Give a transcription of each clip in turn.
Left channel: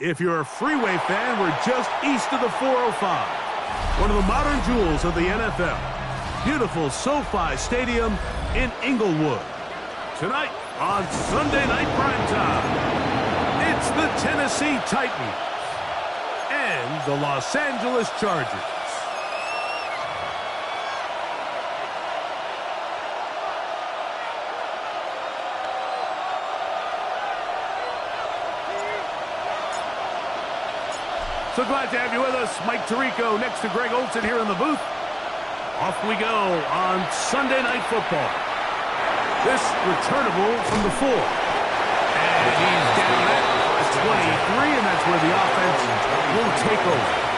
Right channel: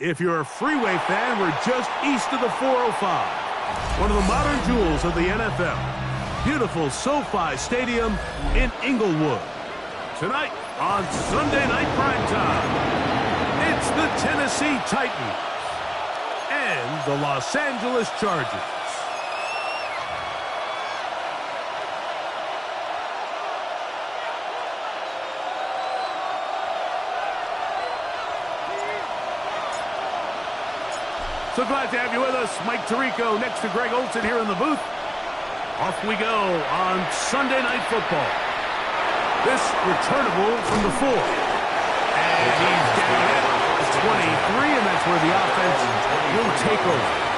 If you're a Freeway fan, we're just east of the 405. One of the modern jewels of the NFL. Beautiful SoFi Stadium in Inglewood. Tonight on Sunday Night Primetime, it's the Tennessee Titans and the Los Angeles Chargers. So glad to have you with us. Mike Tirico next to Greg Olsen here in the booth. Off we go on Sunday Night Football. This returnable from the 4. And he's down at 23, and that's where the offense will take over.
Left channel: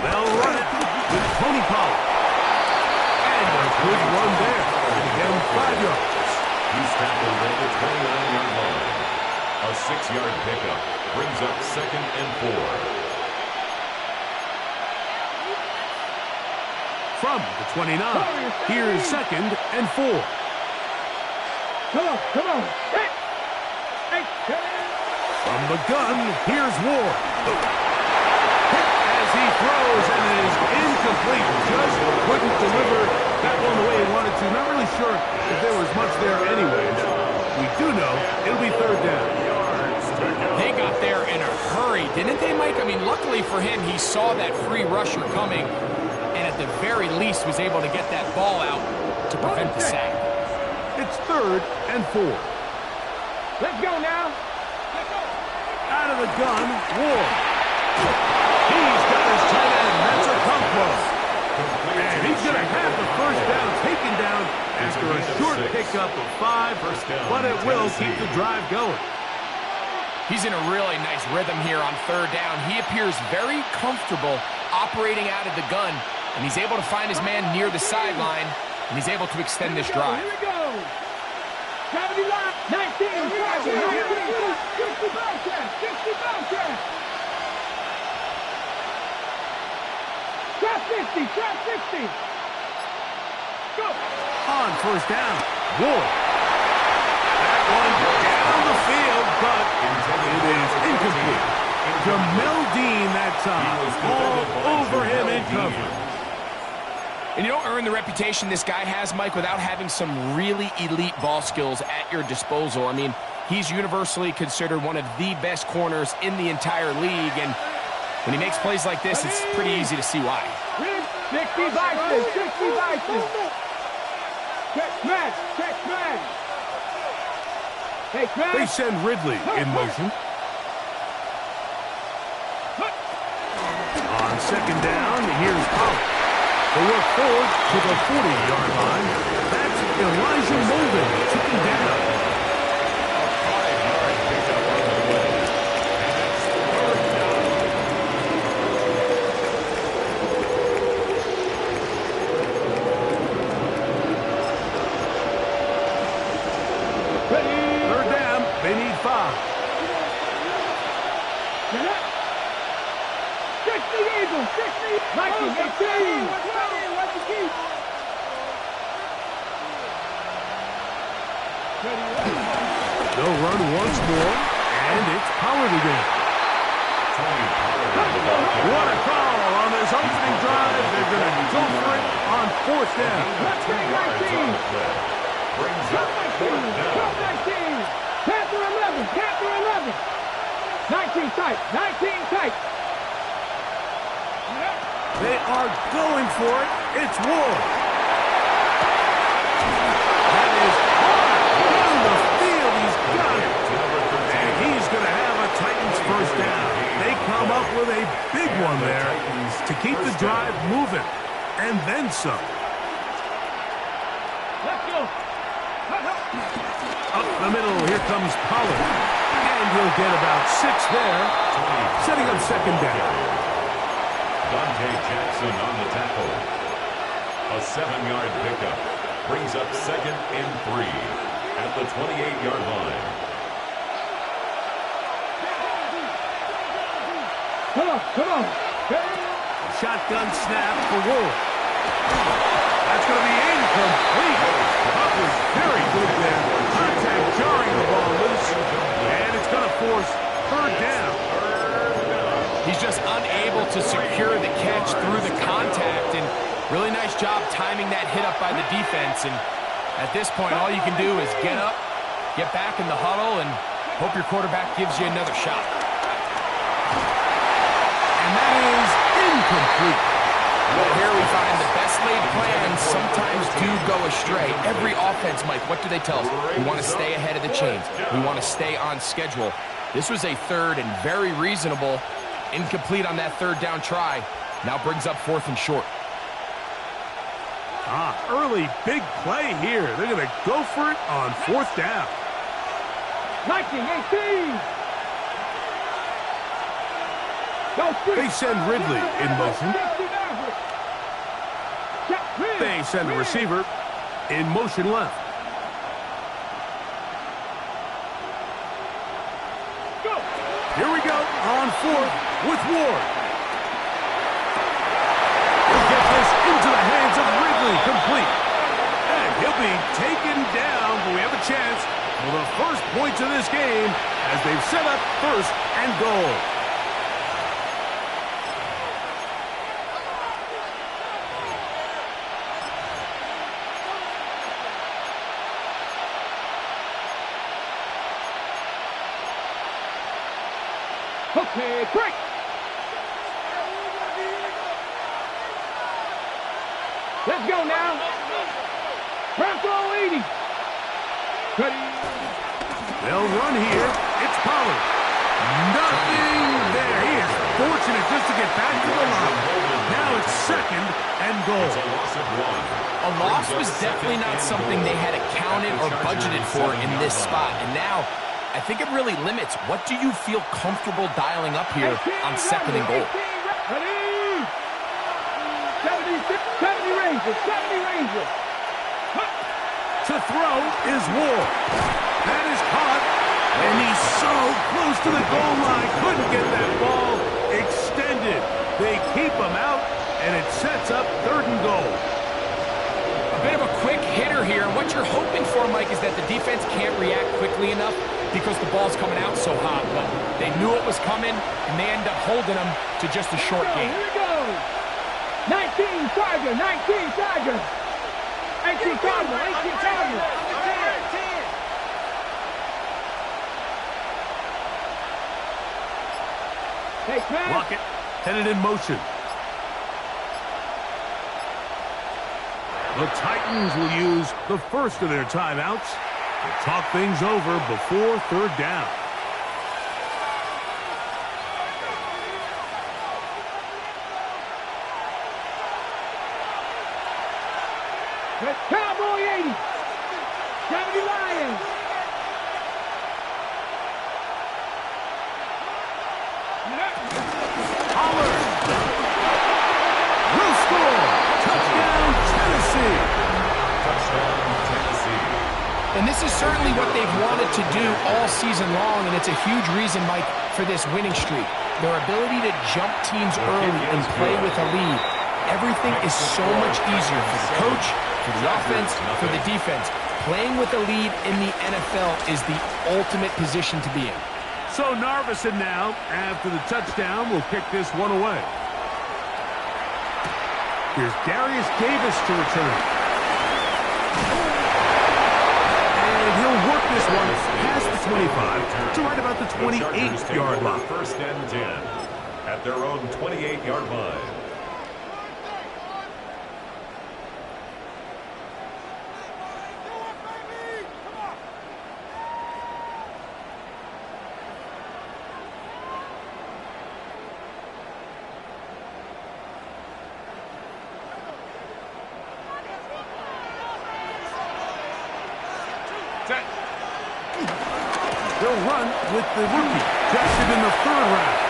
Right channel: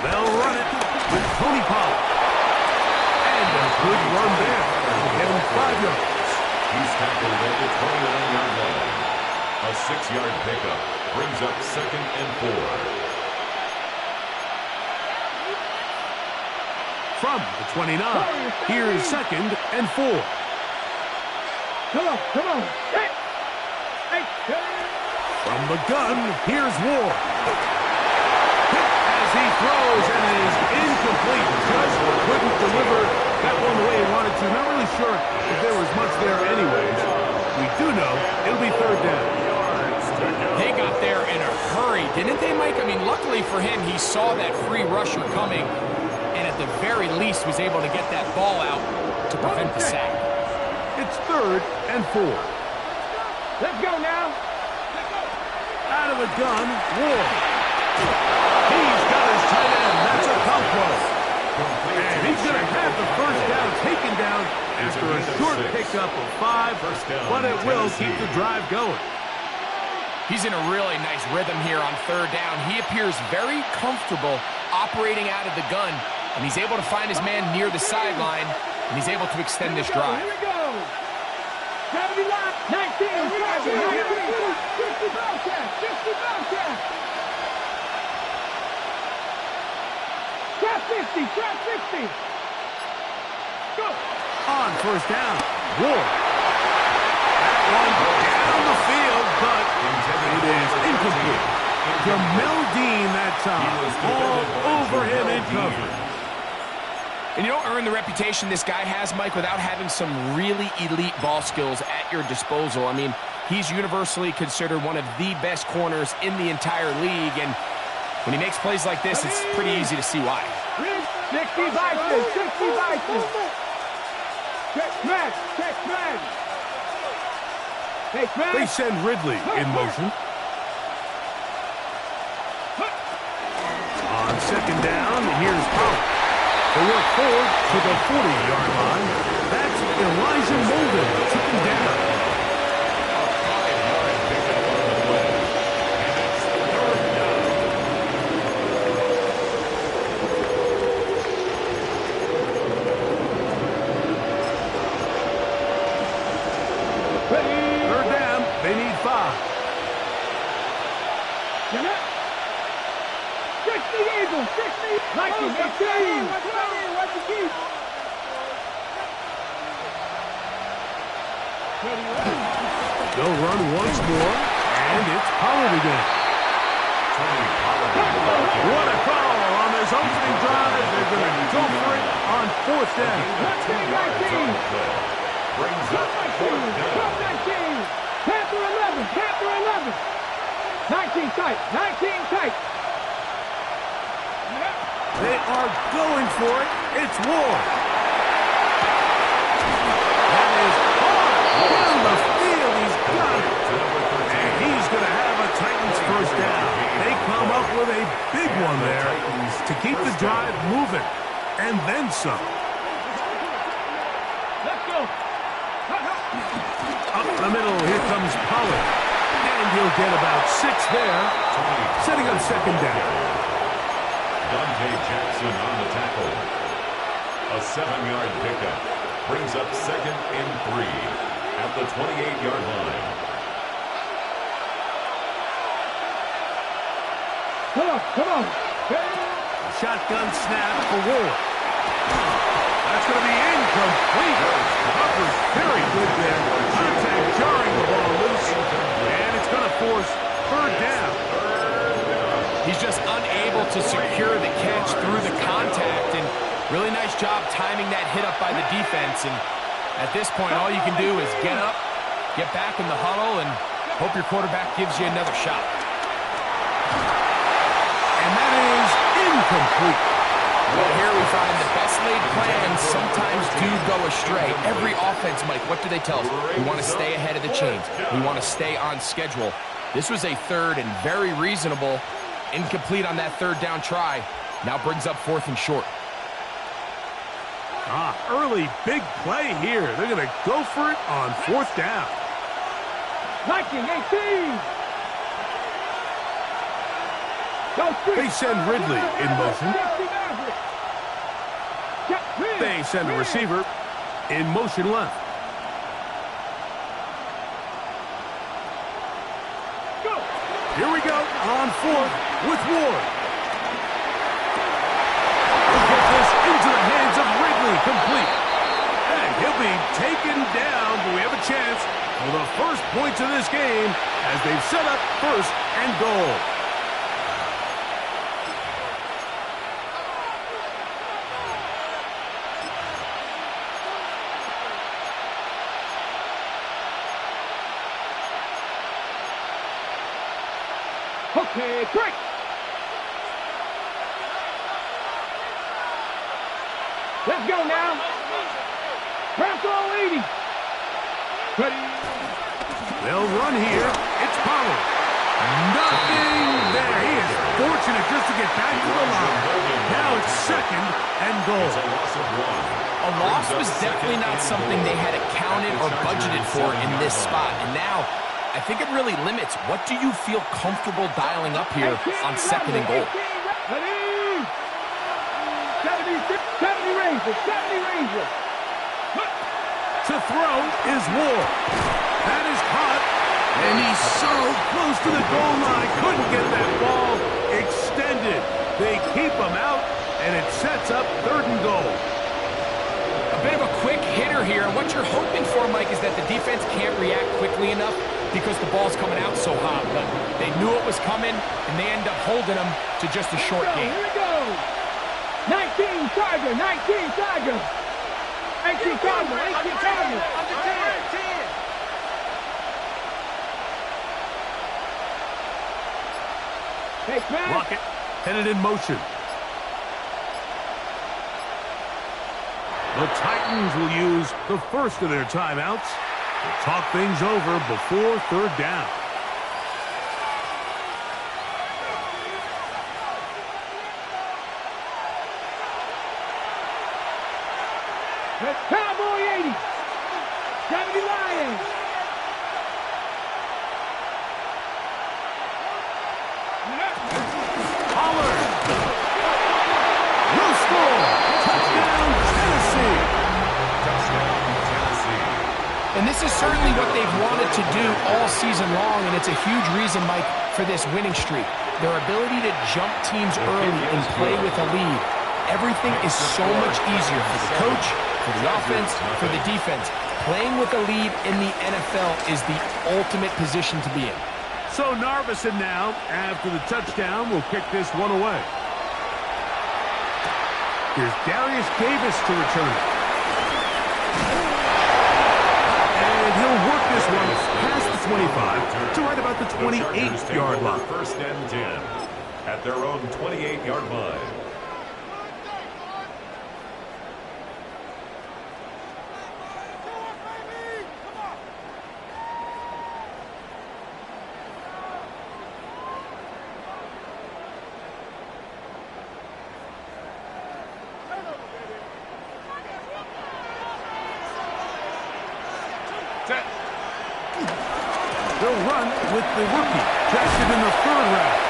They'll run it with Tony Pollard. And a good run there. Get him 5 yards. He's tackled at the 29-yard line. A 6-yard pickup brings up 2nd and 4. From the 29, here's 2nd and 4. Come on. Hey. From the gun, here's Ward. As he throws, and it is incomplete. Just couldn't deliver that one the way he wanted to. Not really sure if there was much there anyways. We do know it'll be 3rd down. They got there in a hurry, didn't they, Mike? I mean, luckily for him, he saw that free rusher coming, and at the very least was able to get that ball out to prevent the sack. It's 3rd and 4. Let's go now. Out of the gun, Ward. He's got his tight end. That's a combo. And he's going to have the 1st down taken down after a short pickup of 5, but it will keep the drive going. He's in a really nice rhythm here on 3rd down. He appears very comfortable operating out of the gun, and he's able to find his man near the sideline, and he's able to extend this drive. Here we go. Gravity lock. 19. 60 Bobcat. Trap 60. Go. On 1st down, Ward. That one down the field, but it is incomplete. Jamel Dean that time. All over him in coverage. And you don't earn the reputation this guy has, Mike, without having some really elite ball skills at your disposal. I mean, he's universally considered one of the best corners in the entire league, and when he makes plays like this, it's pretty easy to see why. 60 Bison. Check man. Hey, man. They send Ridley in motion. On 2nd down, here's Pollard. They work forward to the 40-yard line. That's Elijah Molden. Took him down. They need 5. 60 Eagles, 60. 19, 18. Watch the key. They'll run once more, and it's Pollard again. What a call on this opening drive. They're going to go for it on 4th down. 19. Brings up 4th down. Panther 11. 19 tight. They are going for it. It's Ward. That is hard down the field. He's got it. And he's going to have a Titans 1st down. They come up with a big one there to keep the drive moving. And then some. Up the middle, here comes Pollard. And he'll get about 6 there, setting up second down. Dante Jackson on the tackle. A 7-yard pickup brings up second and 3 at the 28-yard line. Come on. Shotgun snap for Ward. That's going to be incomplete. Coverage very good there. Contact jarring the ball loose. And it's going to force third down. He's just unable to secure the catch through the contact, and really nice job timing that hit up by the defense. And at this point, all you can do is get up, get back in the huddle, and hope your quarterback gives you another shot. And that is incomplete. Well, here we find the best laid plans sometimes do go astray. Every offense, Mike, what do they tell us? We want to stay ahead of the chains. We want to stay on schedule. This was a third and very reasonable. Incomplete on that third down try. Now brings up 4th and short. Early big play here. They're going to go for it on 4th down. 19-18. They send Ridley in motion. They send the receiver in motion left. Here we go on 4th with Ward. He'll get this into the hands of Ridley, complete. And he'll be taken down, but we have a chance for the first points of this game as they've set up 1st and goal. Okay, great. Let's go now. Bronco 80. Ready. They'll run here. It's Pollard. Nothing there. He is fortunate just to get back to the line. Now it's 2nd and goal. It's a loss of 1. A loss was definitely not something they had accounted or budgeted for in this spot. And now, I think it really limits. What do you feel comfortable dialing up here on 2nd and goal? 70 Rangers. To throw is Ward. That is caught. And he's so close to the goal line. Couldn't get that ball extended. They keep him out, and it sets up 3rd and goal. A bit of a quick hitter here, and what you're hoping for, Mike, is that the defense can't react quickly enough because the ball's coming out so hot. But they knew it was coming, and they end up holding them to just a short game. Here we go. 19 Tiger. 18 Tiger. 18 Tiger. Hey, man. Lockett headed in motion. The Titans will use the first of their timeouts to talk things over before 3rd down. Cowboy 80. 70 Lions. Pollard. Will score. Touchdown, Tennessee. Touchdown, Tennessee. And this is certainly what they've wanted to do all season long, and it's a huge reason, Mike, for this winning streak. Their ability to jump teams early and play with a lead. Everything is so much easier for the coach, for the offense, for the defense. Playing with a lead in the NFL is the ultimate position to be in. So Narveson now, after the touchdown, will kick this one away. Here's Darius Davis to return it. And he'll work this one past the 25 to right about the 28-yard line. 1st and 10 at their own 28-yard line. run with the rookie, drafted in the 3rd round.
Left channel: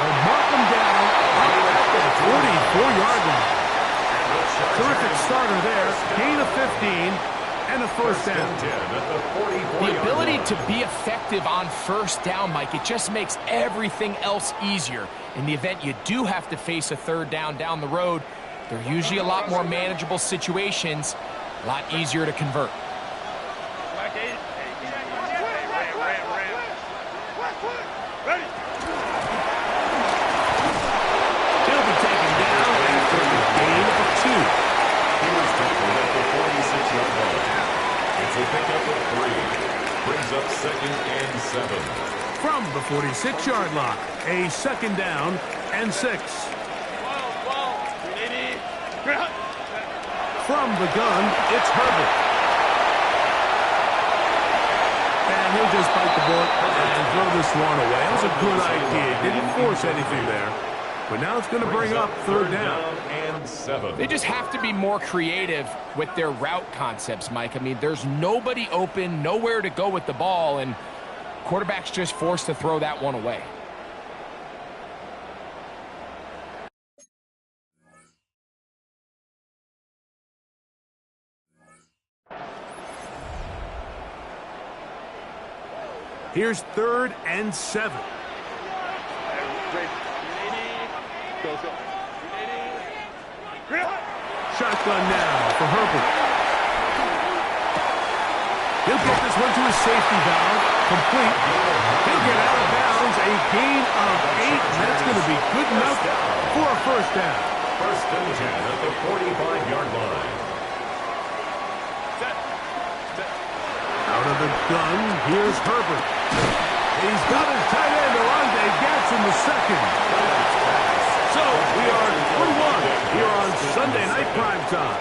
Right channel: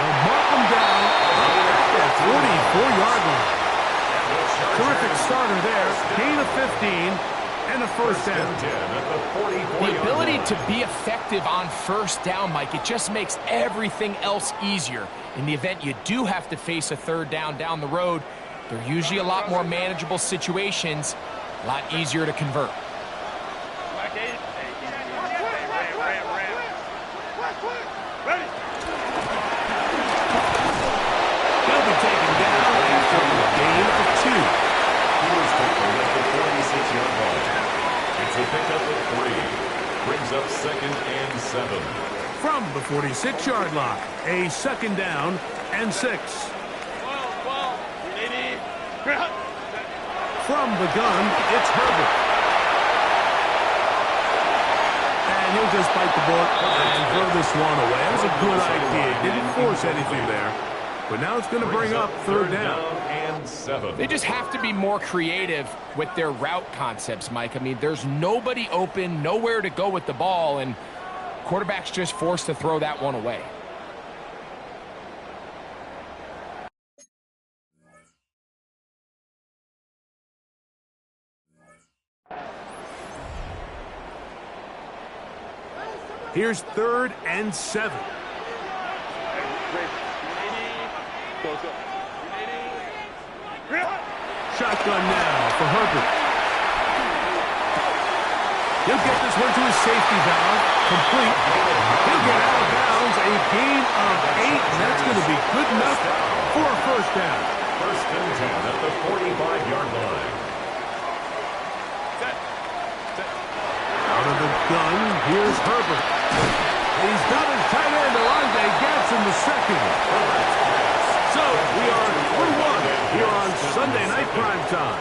They'll mark him down up at the 44-yard line. Terrific starter there. Gain of 15 and a first down. The ability to be effective on first down, Mike, it just makes everything else easier. In the event you do have to face a 3rd down the road, they're usually a lot more manageable situations, a lot easier to convert. He'll be taken down after a gain of 2. He was tackled at the 46-yard line. It's a pickup of 3. Brings up 2nd and 7. From the 46-yard line, a 2nd down and 6. From the gun, it's Herbert. And he'll just bite the bullet and throw this one away. That was a good idea. Didn't force anything there. But now it's going to bring up 3rd down. And 7. They just have to be more creative with their route concepts, Mike. I mean, there's nobody open, nowhere to go with the ball, and quarterback's just forced to throw that one away. Here's 3rd and 7. Shotgun now for Herbert. He'll get this one to his safety valve. Complete. He'll get out of bounds. A gain of 8. And that's going to be good enough for a first down. 1st and 10 at the 45-yard line. Out of the gun, here's Herbert. He's got his tight end, Alonde Gatz, in the 2nd. So we are 3-1 here on Sunday Night Primetime.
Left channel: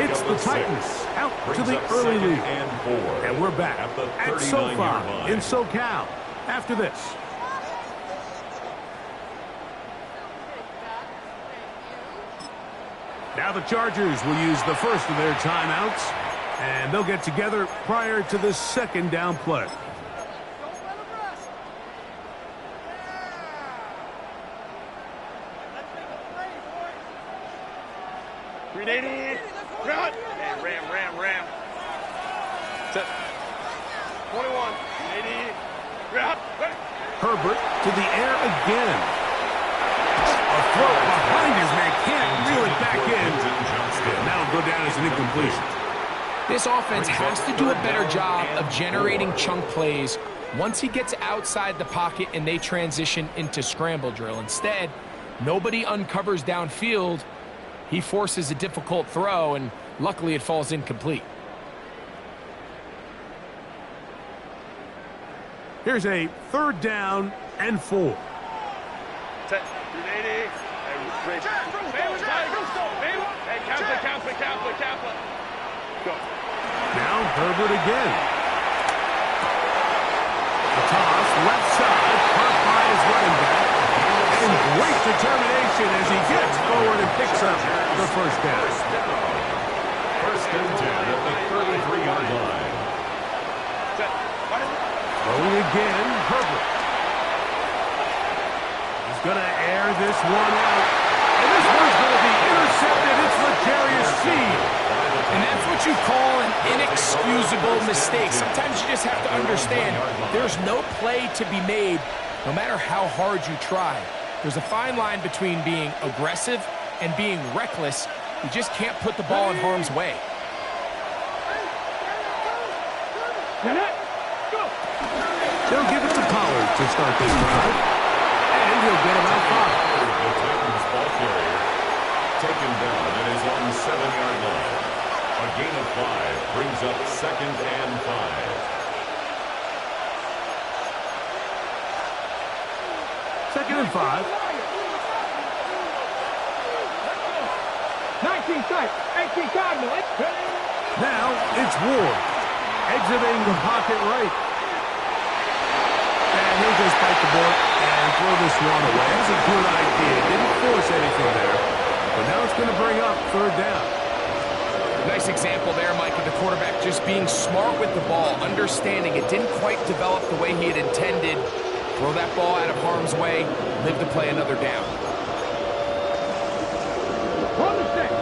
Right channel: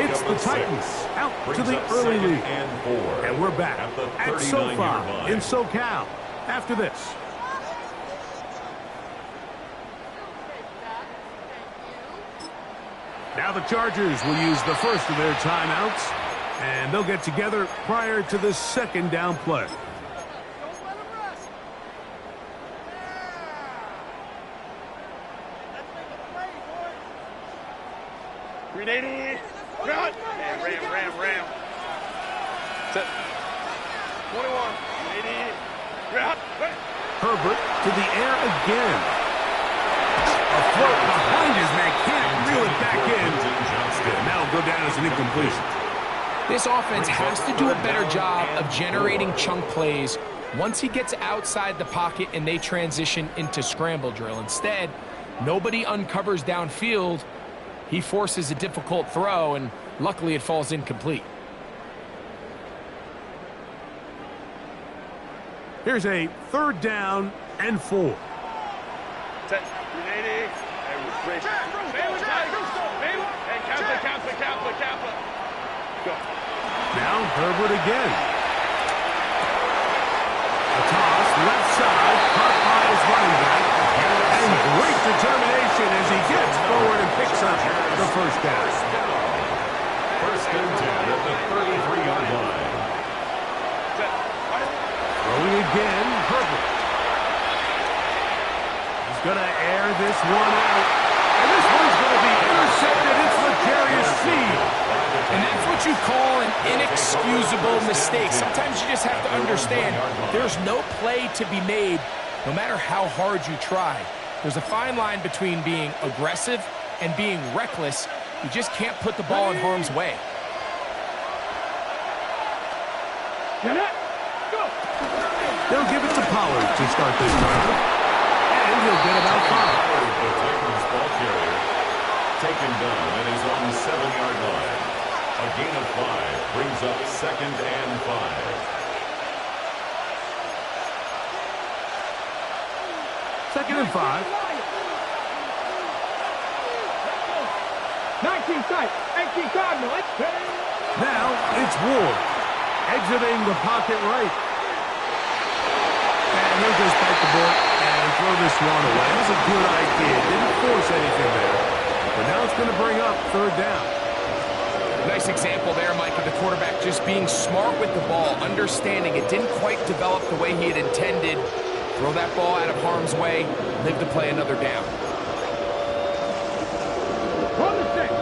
It's the Titans out to the early lead. And we're back at SoFi in SoCal after this. Now the Chargers will use the first of their timeouts, and they'll get together prior to this 2nd down play. Ram. Set. 21. Herbert to the air again. A throw behind his man, can't reel it back in. And that'll go down as an incompletion. This offense has to do a better job of generating chunk plays once he gets outside the pocket and they transition into scramble drill. Instead, nobody uncovers downfield. He forces a difficult throw, and luckily it falls incomplete. Here's a 3rd down and 4. Set. Go. Now Herbert again. A toss, left side, caught by his running back. And great determination as he gets forward and picks up the first down. 1st and 10 at the 33-yard line. Throwing again, Herbert. He's going to air this one out. And this one's going to be intercepted. It's L'Jarius Sneed. And that's what you call an inexcusable mistake. Sometimes you just have to understand there's no play to be made no matter how hard you try. There's a fine line between being aggressive and being reckless. You just can't put the ball in harm's way. They'll give it to Pollard to start this drive. And he'll get about 5. The Titans ball carrier taken down and is on the 7-yard line. A gain of 5 brings up 2nd and 5. 2nd and 5. 19 tight. 18 Cardinal. Now it's Ward exiting the pocket right. And he'll just bite the bullet and throw this one away. That was a good idea. Didn't force anything there. But now it's going to bring up 3rd down. Nice example there, Mike, of the quarterback just being smart with the ball, understanding it didn't quite develop the way he had intended. Throw that ball out of harm's way, live to play another down.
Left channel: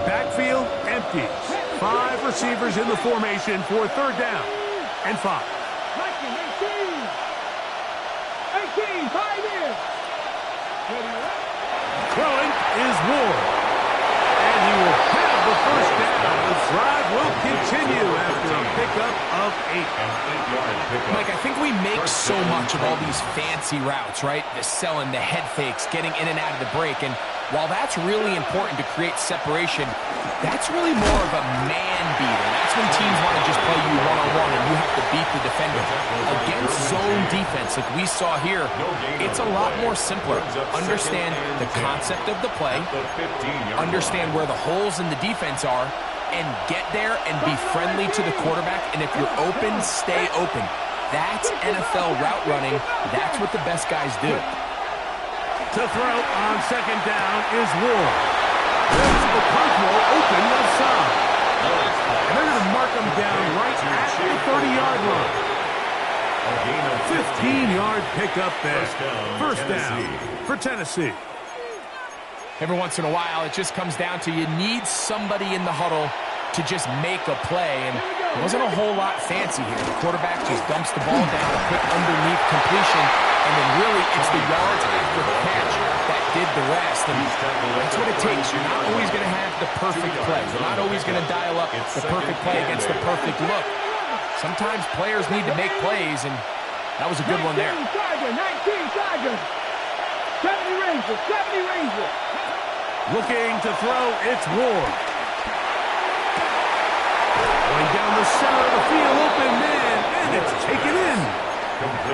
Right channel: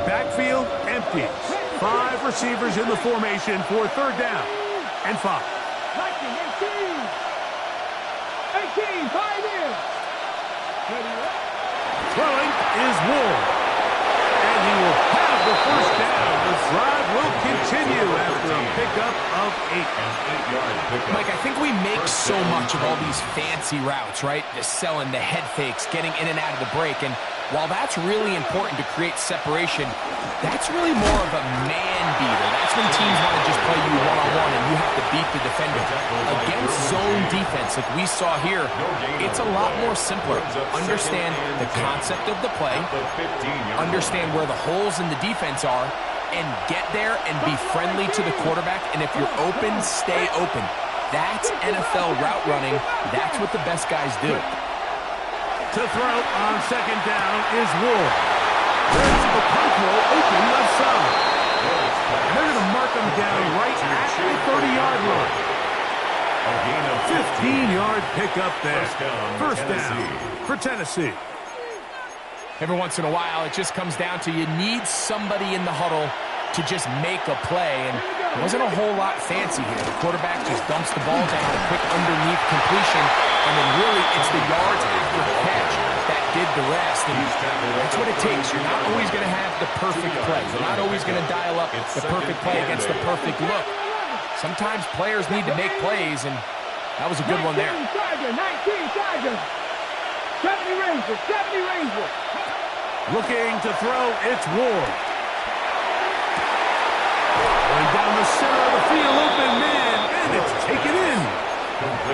Backfield empties. 5 receivers in the formation for 3rd down and 5. 18, 5 in. Throwing is Ward. And he will have the 1st down. The drive will continue after a pickup of 8. An 8-yard pickup. Mike, I think we make so much of all these fancy routes, right? The selling, the head fakes, getting in and out of the break. And while that's really important to create separation, that's really more of a man beater. That's when teams want to just play you one-on-one and you have to beat the defender. Against zone defense, like we saw here, it's a lot more simpler. Understand the concept of the play, understand where the holes in the defense are, and get there and be friendly to the quarterback. And if you're open, stay open. That's NFL route running. That's what the best guys do. To throw on 2nd down is Ward. There's Okonkwo open left side. And they're going to mark him down right at the 30-yard line. A gain of 15-yard pickup there. First Tennessee. down for Tennessee. Every once in a while, it just comes down to you need somebody in the huddle to just make a play, and it wasn't a whole lot fancy here. The quarterback just dumps the ball down, a quick underneath completion, and then really it's the yards after the catch that did the rest, and that's what it takes. You're not always going to have the perfect play. You're not always going to dial up the perfect play against the perfect look. Sometimes players need to make plays, and that was a good one there. 19 Tigers. 70 Rangers, 70 Rangers. Looking to throw, it's Ward. Going down the center of the field, open man, and it's taken in.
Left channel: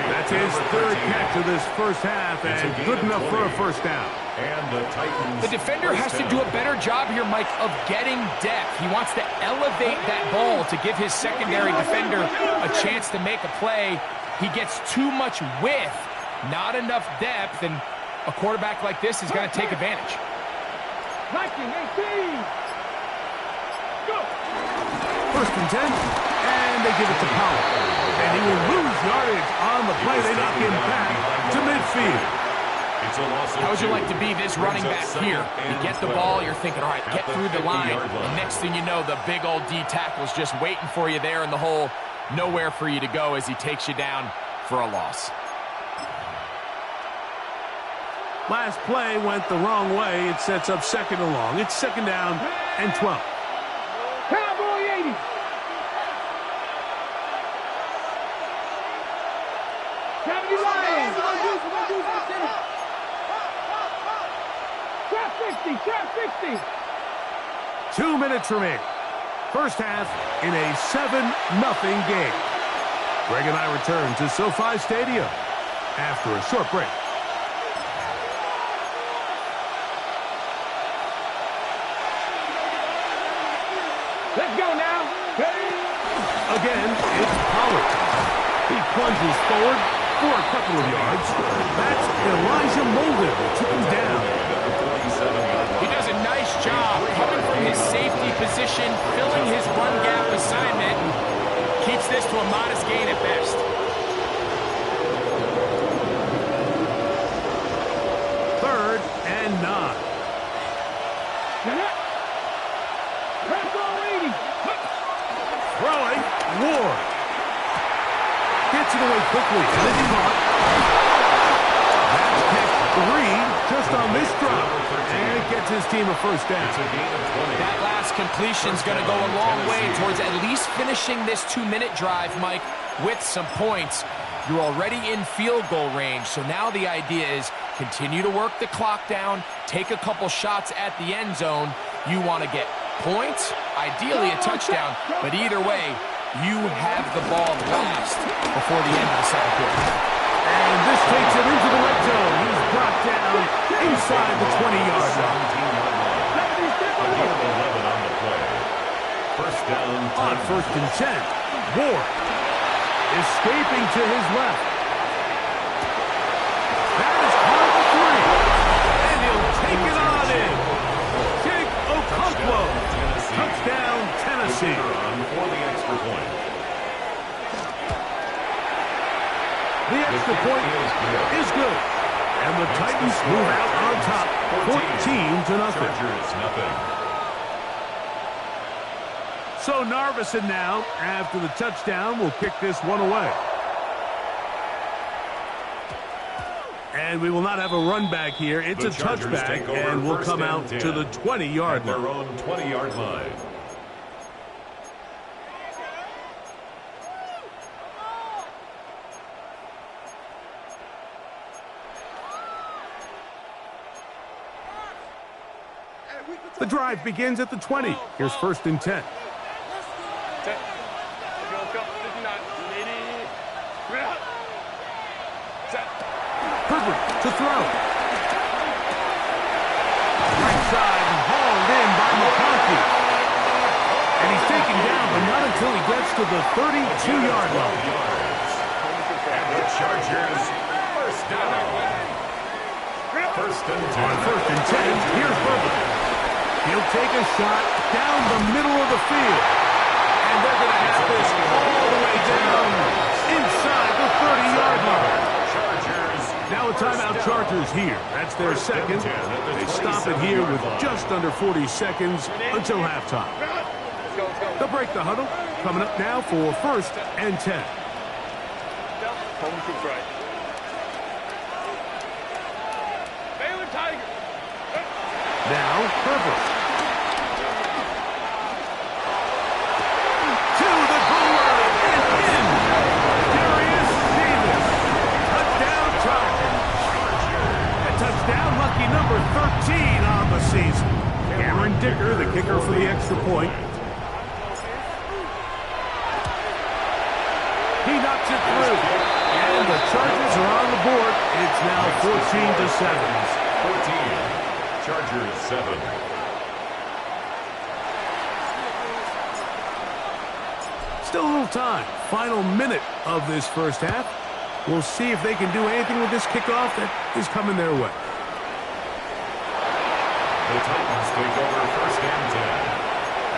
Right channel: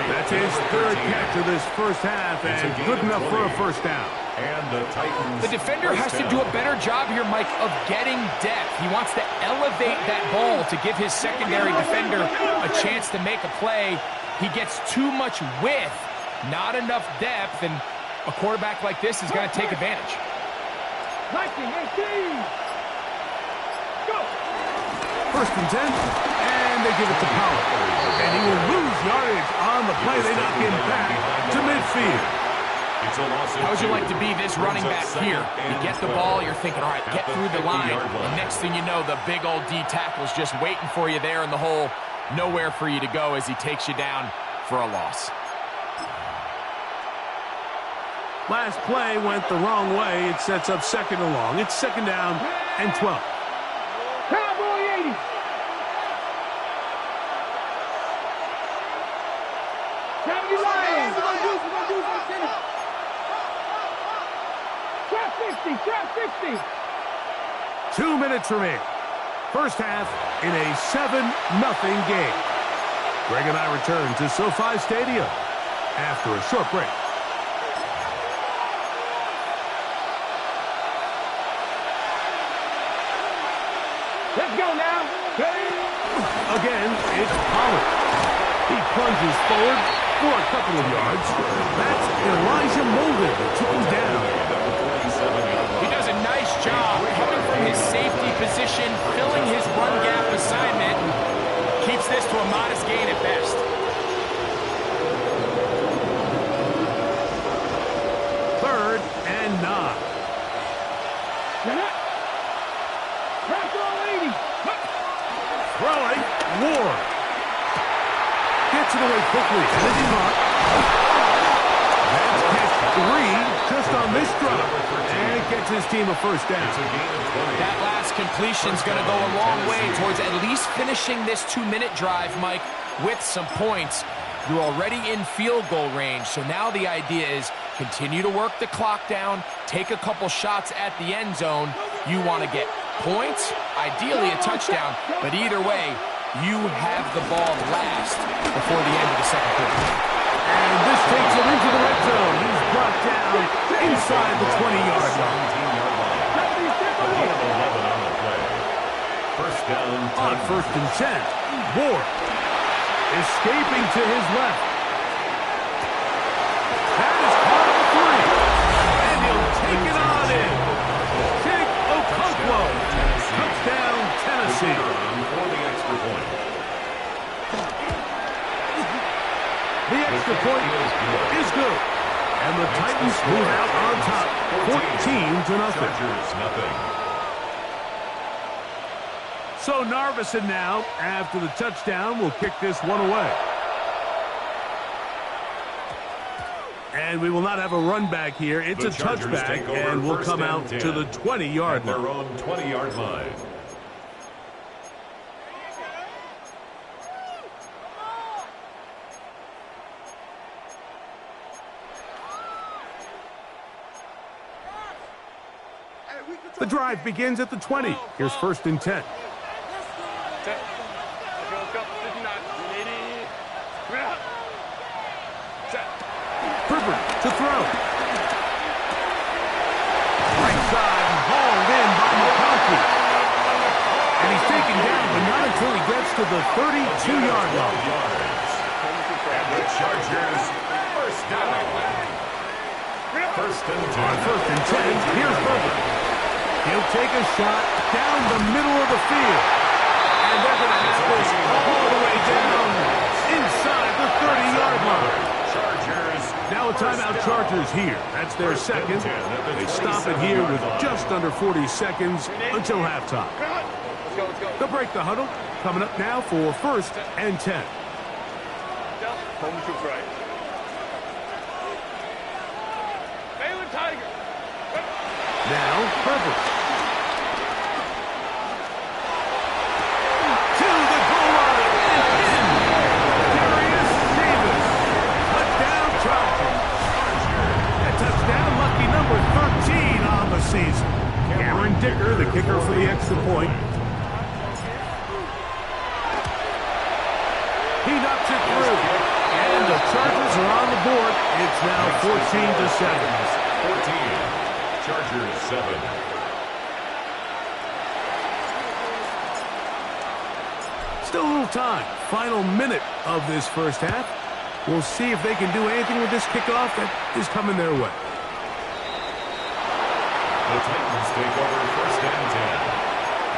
That's his 3rd catch of this first half, and good enough for a 1st down. And the Titans. The defender has to do a better job here, Mike, of getting depth. He wants to elevate that ball to give his secondary defender a chance to make a play. He gets too much width, not enough depth, and a quarterback like this is going to take advantage. 19, 18. Go. 1st and 10, and they give it to Powell. And he will lose yardage on the play. They knock him back to midfield. It's a loss of How would you 2. like to be this running back here? You get the ball, you're thinking, all right, get through the line. And next thing you know, the big old D tackle's just waiting for you there in the hole. Nowhere for you to go as he takes you down for a loss. Last play went the wrong way. It sets up 2nd and long. It's 2nd down and 12. Cowboy 80. Lions. Trap 60. 2 minutes remaining. First half in a 7-0 game. Greg and I return to SoFi Stadium after a short break. Let's go now. Again, it's Pollard. He plunges forward for a couple of yards. That's Elijah Molden who took him down. He does a nice job coming from his safety position, filling his run gap assignment, and keeps this to a modest gain at best. 3rd and 9. Throwing, Ward. Gets it away quickly, and it's caught. That's catch 3 just on this drop. And it gets his team a 1st down. That last completion's going to go a long way towards at least finishing this 2-minute drive, Mike, with some points. You're already in field goal range, so now the idea is continue to work the clock down, take a couple shots at the end zone. You want to get points, ideally a touchdown, but either way, you have the ball last before the end of the 2nd quarter. And this takes him into the red zone. He's brought down inside the 20-yard line. A gain of 11 on the play. First down. On 1st and 10, Ward escaping to his left. That is caught for 3. And he'll take it on in. Okonkwo. Touchdown, Tennessee. receive. For the extra point. The extra point is good. And the Titans move out on top, 14-0. Chargers nothing. So Narveson now, after the touchdown, will kick this one away. And we will not have a run back here. It's a touchback, and we'll come out to the 20-yard line. Their own 20-yard line. The drive begins at the 20. Here's 1st and 10. Set. Let's go. 59. 80. Set. Herbert to throw. Right side, hauled in by McConkey. And he's taken down, but not until he gets to the 32-yard line. And the Chargers first down. 1st and 10. On 1st and 10, here's Herbert. He'll take a shot down the middle of the field. And they're going to have this all the way down inside the 30-yard line. Chargers. Now a timeout Chargers here. That's their second. They stop it here with just under 40 seconds until halftime. Let's go. They'll break the huddle. Coming up now for 1st and 10. Home troops right. Baylor Tiger. Now Herbert. To the goal line and in. Darius Davis. Touchdown Chargers. A touchdown, lucky number 13 on the season. Cameron Dicker, the kicker for the extra point. He knocks it through. And the Chargers are on the board. It's now 14-7. 14. Chargers 7. Still a little time. Final minute of this first half. We'll see if they can do anything with this kickoff that is coming their way. The Titans take over 1st and 10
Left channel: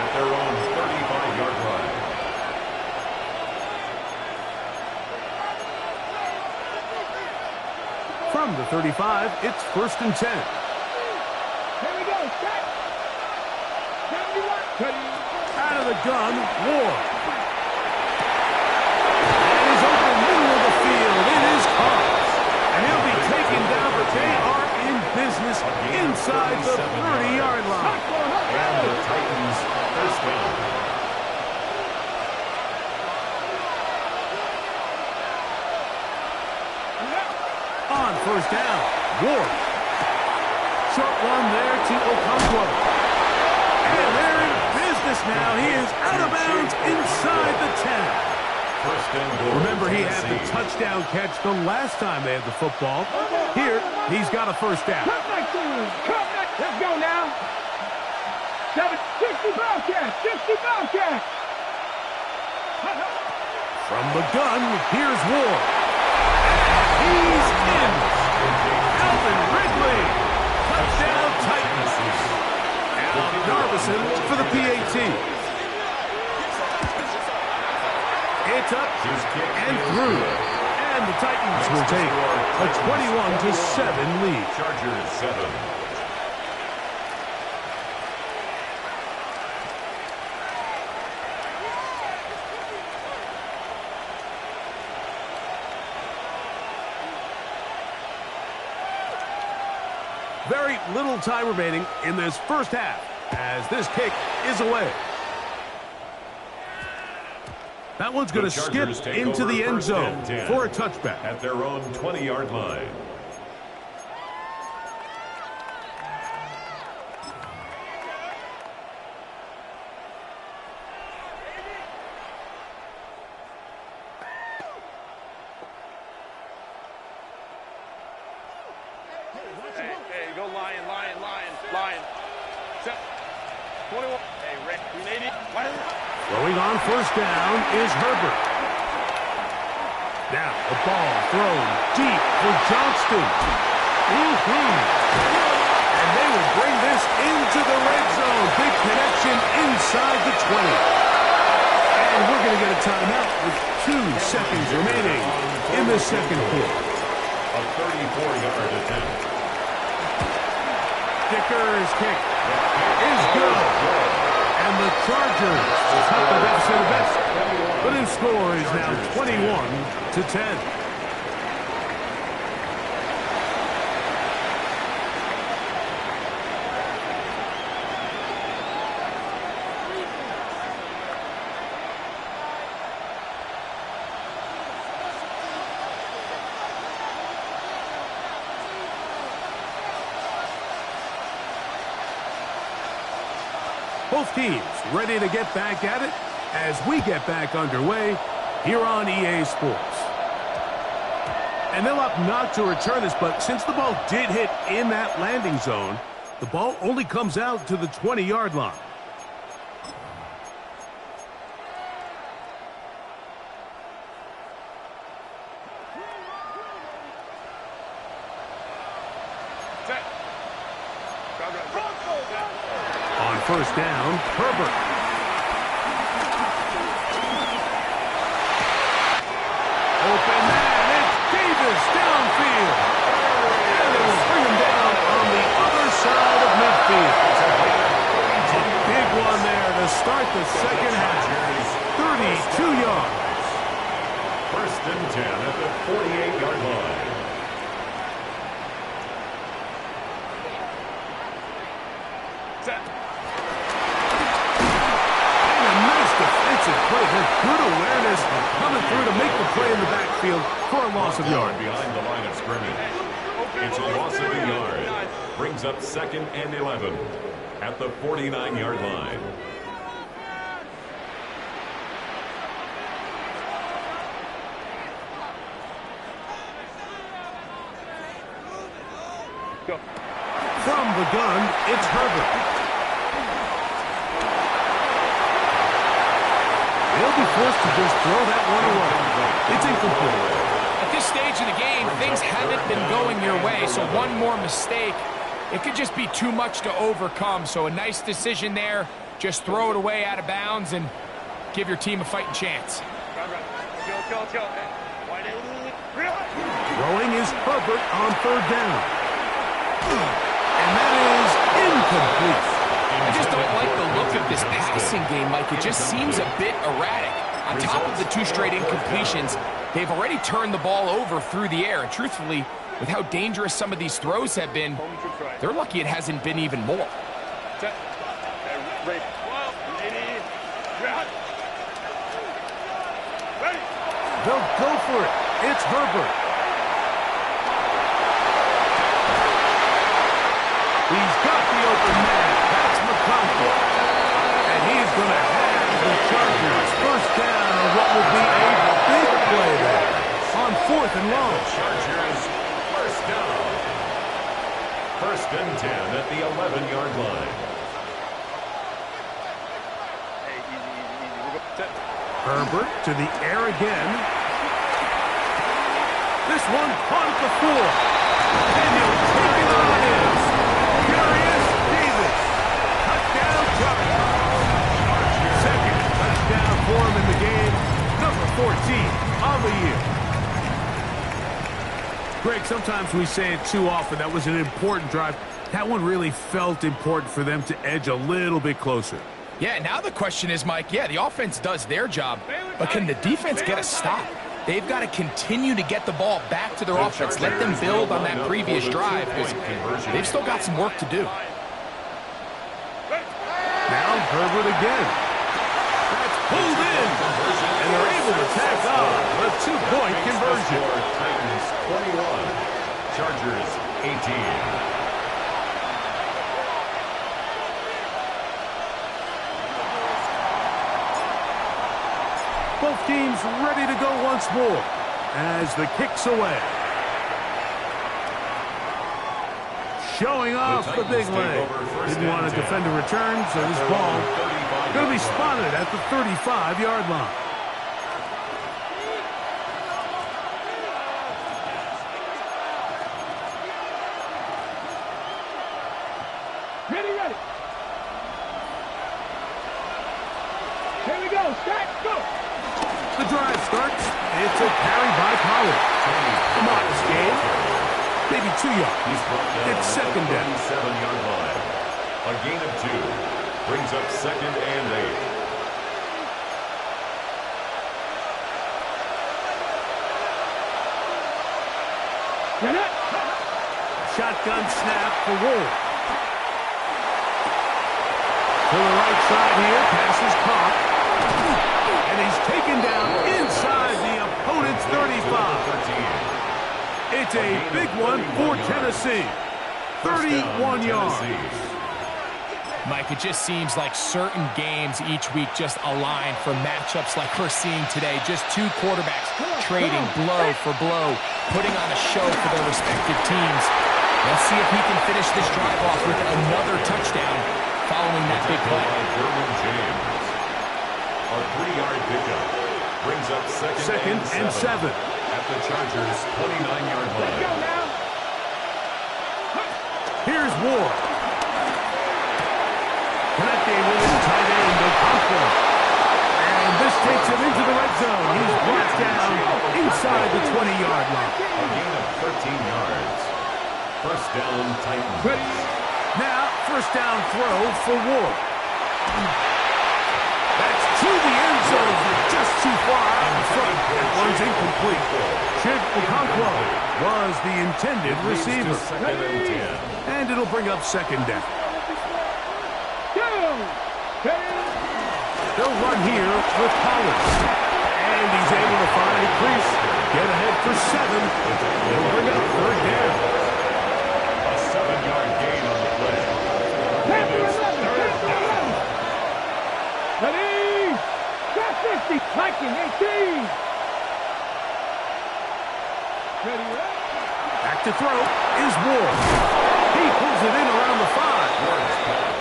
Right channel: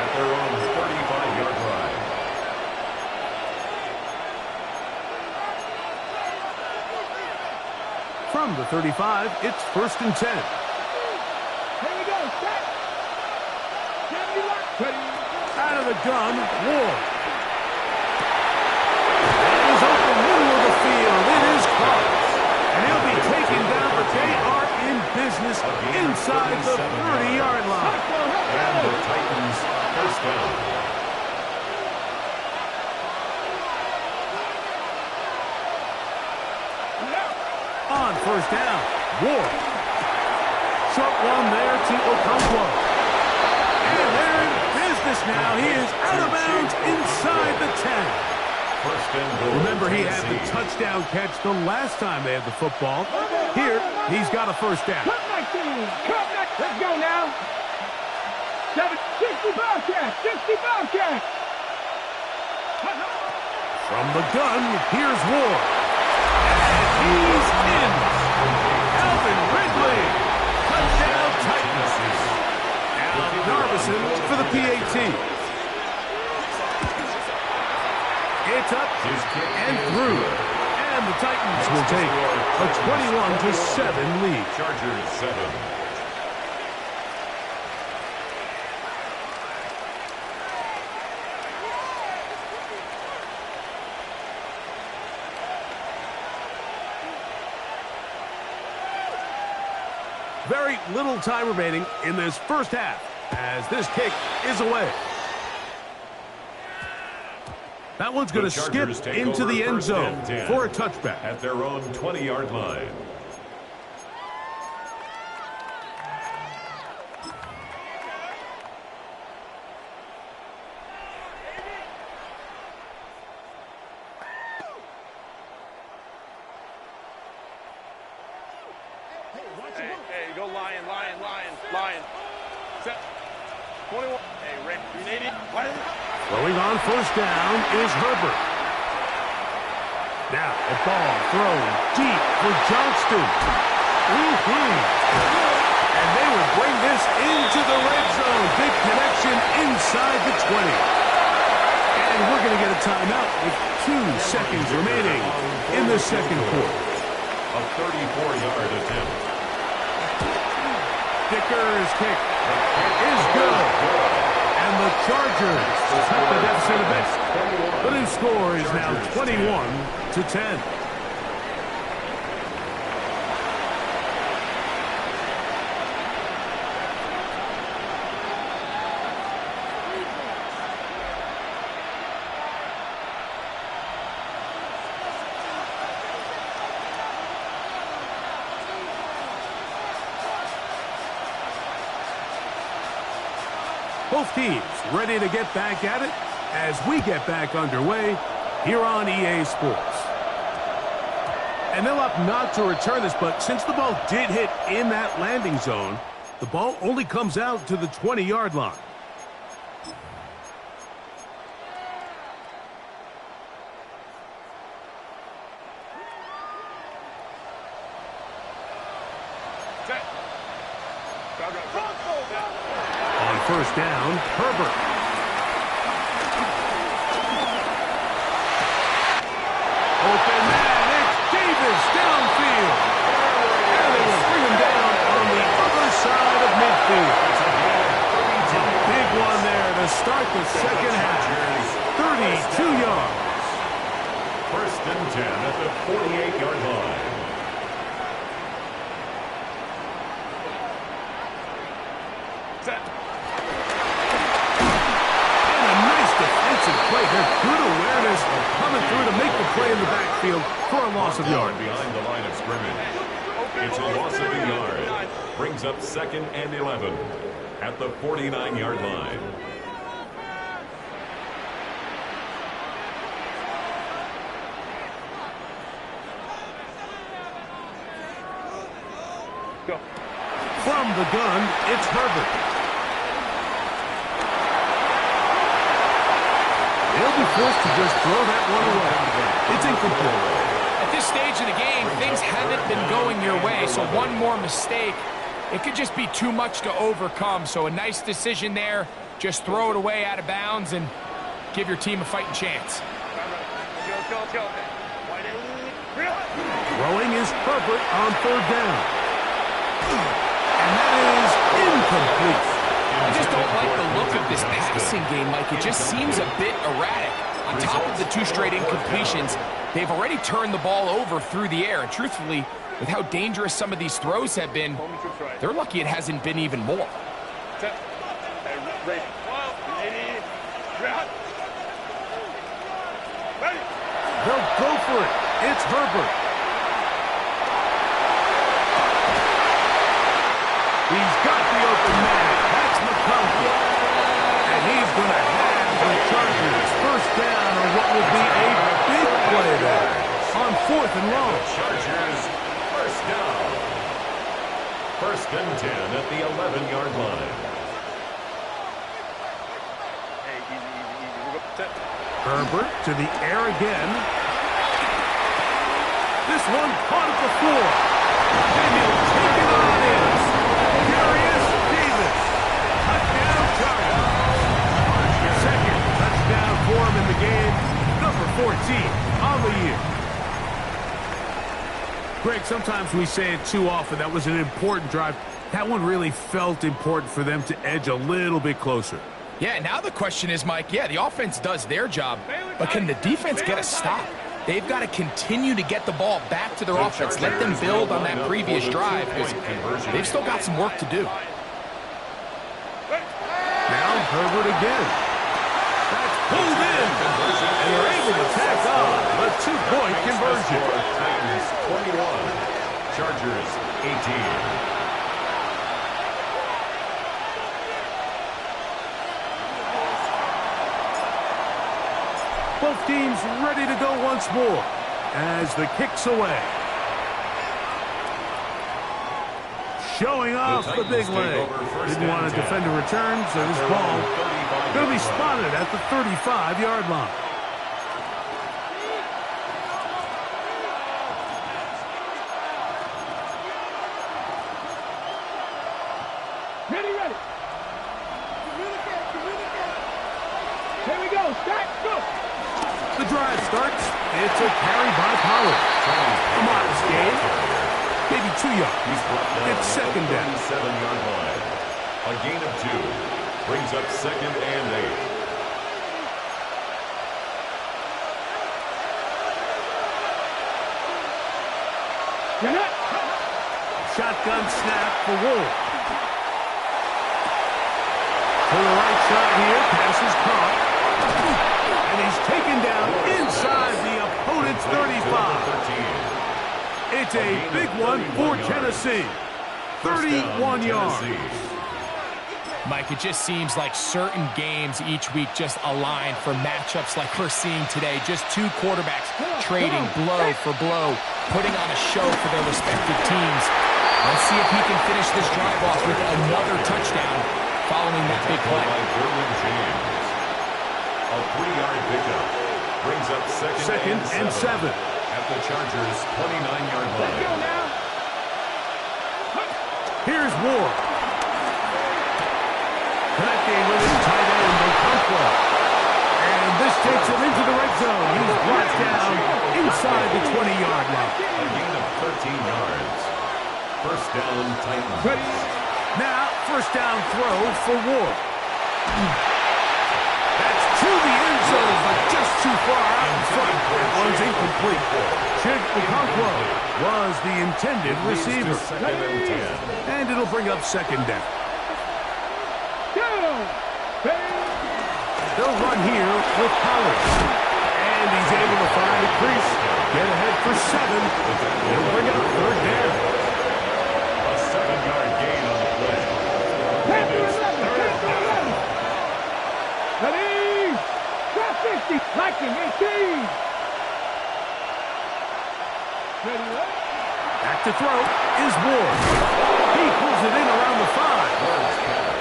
at their own 35-yard line. From the 35, it's 1st and 10. Here we go. Set. 71. Out of the gun, Ward. And he's open middle of the field. It is caught. And he'll be taken down, but they are in business inside the 30-yard line. And the Titans first down. On 1st down, Ward. Short one there to Okonkwo. And they're in business now. He is out of bounds inside the 10. 1st and goal. Remember, he had the touchdown catch the last time they had the football. Here, he's got a 1st down. Cut 19. Cut 19. Let's go now. 60 Bobcats. 60 Bobcats. From the gun, here's Ward. And he's in. Alvin Ridley. Touchdown Titans. Now Narveson for the PAT. It's up and through. And the Titans will take a 21-7 lead. Chargers 7. Very little time remaining in this first half as this kick is away. That one's going to skip into the end zone for a touchback. At their own 20-yard line. Hey, go Lion. Set. 21. Hey, Rick, 380. Throwing on 1st down is Herbert. Now a ball thrown deep for Johnston. And they will bring this into the red zone. Big connection inside the 20. And we're going to get a timeout with 2 seconds remaining in the second quarter. A 34-yard attempt. Dicker's kick is good. And the Chargers cut the deficit a bit. The new score is now 21-10. Both teams ready to get back at it as we get back underway here on EA Sports. And they'll opt not to return this, but since the ball did hit in that landing zone, the ball only comes out to the 20-yard line. On first down, Herbert. Open man, it's Davis downfield. And they will bring him down on the other side of midfield. A big one there to start the second half. 32 yards. First and 10 at the 48-yard line. And a nice defensive play. They're good awareness coming through to make the play in the backfield for a loss of yard. Behind the line of scrimmage. It's a loss of a yard. Brings up 2nd and 11 at the 49-yard line. Go. From the gun, it's Herbert. They'll be forced to just throw that one away. It's incomplete. At this stage of the game, things haven't been going your way, so one more mistake, it could just be too much to overcome. So a nice decision there. Just throw it away out of bounds and give your team a fighting chance. Throwing is Herbert on third down. And that is incomplete. I just don't like the look of this passing game, Mike. It just seems a bit erratic. On top of the 2 straight incompletions, they've already turned the ball over through the air. And truthfully, with how dangerous some of these throws have been, they're lucky it hasn't been even more. They'll go for it. It's Herbert. He's got the open man. That's McConkey. And he's going to have the Chargers first down on what will be a big play there on 4th and long. Chargers first down. First and 10 at the 11-yard line. Hey, easy. Herbert to the air again. This one caught at the 4. And he'll take it on in. Davis, touchdown Chargers. Second touchdown for him in the game, number 14 on the year. Greg, sometimes we say it too often. That was an important drive. That one really felt important for them to edge a little bit closer. Yeah, now the question is, Mike, yeah, the offense does their job, but can the defense get a stop? They've got to continue to get the ball back to their offense. Let them build on that previous drive, because they've still got some work to do. Now Herbert again. That's pulled in. And they're able to tack on a 2-point conversion. Titans 21, Chargers 18. Both teams ready to go once more as the kick's away. Showing off the big leg. Didn't want to defend a return, so this ball going to be spotted at the 35-yard line. Ready. Here we go. Go, Scott, go. The drive starts. It's a carry by Pollard. A modest gain. Maybe 2 yards. He's brought down It's second at the down. 37-yard line. A gain of 2 brings up 2nd and 8. Get it. Shotgun snap for Ward. To the right side here. Pass is caught. And he's taken down inside the opponent's 35. It's a big one for Tennessee. 31 yards. Mike, it just seems like certain games each week just align for matchups like we're seeing today. Just two quarterbacks trading blow for blow, putting on a show for their respective teams. Let's see if he can finish this drive off with another touchdown following that big play. A 3-yard pickup brings up second and 7 at the Chargers' 29-yard line. Let's go now. Here's Ward. Connecting with his tight end, Okonkwo. And this takes him into the red zone. He's brought down inside the 20-yard line. A gain of 13 yards. First down, Titans. Now, first down throw for Ward. That's to the end zone, but just too far out in front. That one's incomplete. Chig Okonkwo was the intended receiver. Second and 10. And it'll bring up second down. They'll run here with Pollard. And he's able to find a crease. Get ahead for 7. It'll bring up third down. A 7-yard gain on the play. And it's third down. Ready? Got 50. Liking 18. Ready, right? Back to throw is Ward. He pulls it in around the 5.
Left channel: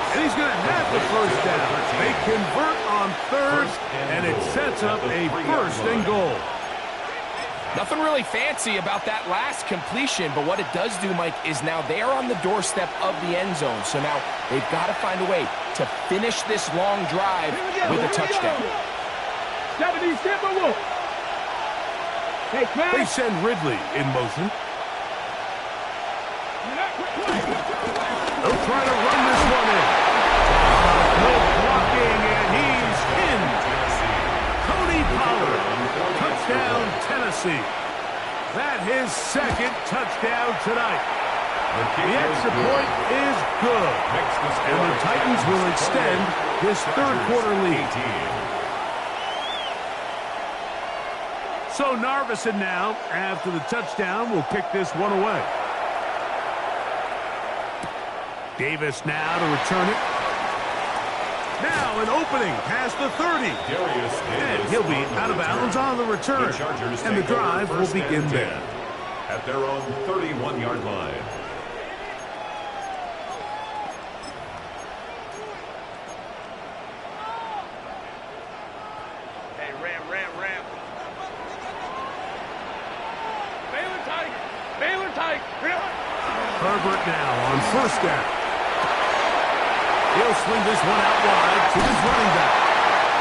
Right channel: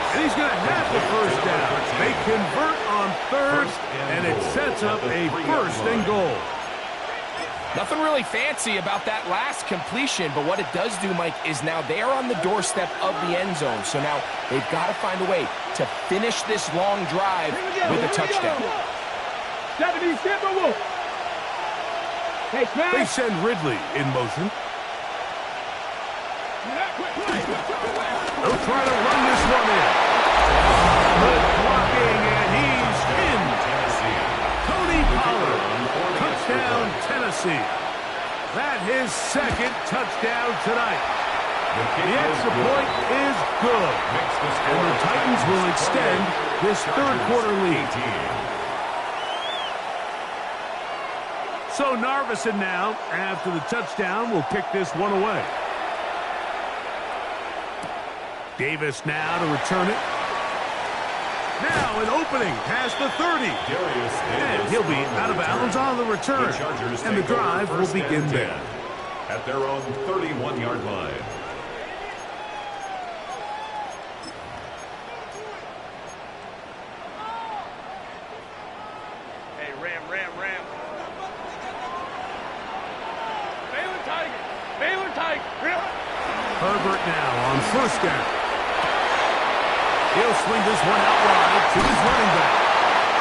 And he's going to have the first down. They convert on third, and it sets up a first and goal. Nothing really fancy about that last completion, but what it does do, Mike, is now they're on the doorstep of the end zone. So now they've got to find a way to finish this long drive with a touchdown. 70 Timberwolf. Hey, They send Ridley in motion. They'll try to run this one in. Good blocking, and he's in. Tony Pollard. Touchdown, Tennessee. That his second touchdown tonight. The extra point is good. And the Titans will extend this third quarter lead. So Narveson now, after the touchdown, will kick this one away. Davis now to return it. Now an opening past the 30. And he'll be out of bounds on the return. And the drive will begin there. At their own 31-yard line. Hey, Ram. Baylor Tiger. Herbert now on first down. He'll swing this one out wide to his running back.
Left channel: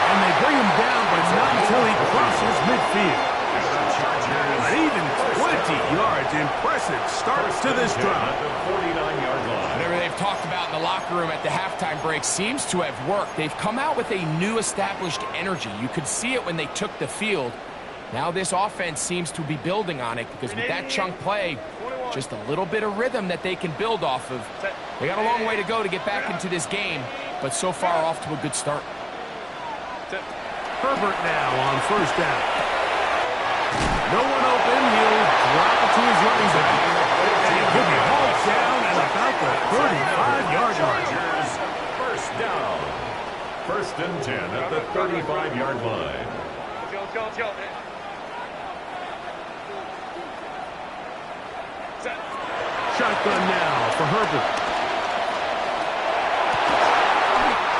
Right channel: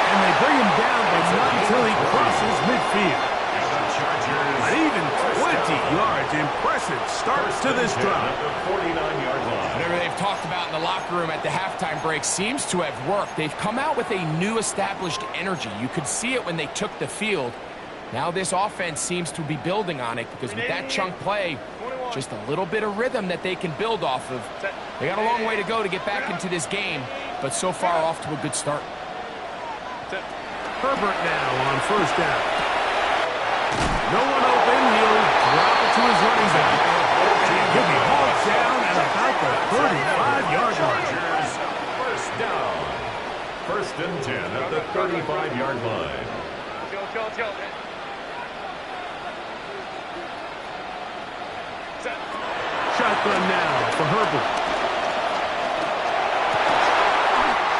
And they bring him down, but not until he crosses midfield. An even 20 yards. Impressive start to this drive. At the 49-yard line. Whatever they've talked about in the locker room at the halftime break seems to have worked. They've come out with a new established energy. You could see it when they took the field. Now this offense seems to be building on it because with that chunk play, just a little bit of rhythm that they can build off of. They got a long way to go to get back into this game, but so far off to a good start. Herbert now on first down. No one open. He'll drop it to his running back. And he'll be hauled down at about the 35-yard line. First down. First and 10 at the 35-yard line. Shotgun now for Herbert.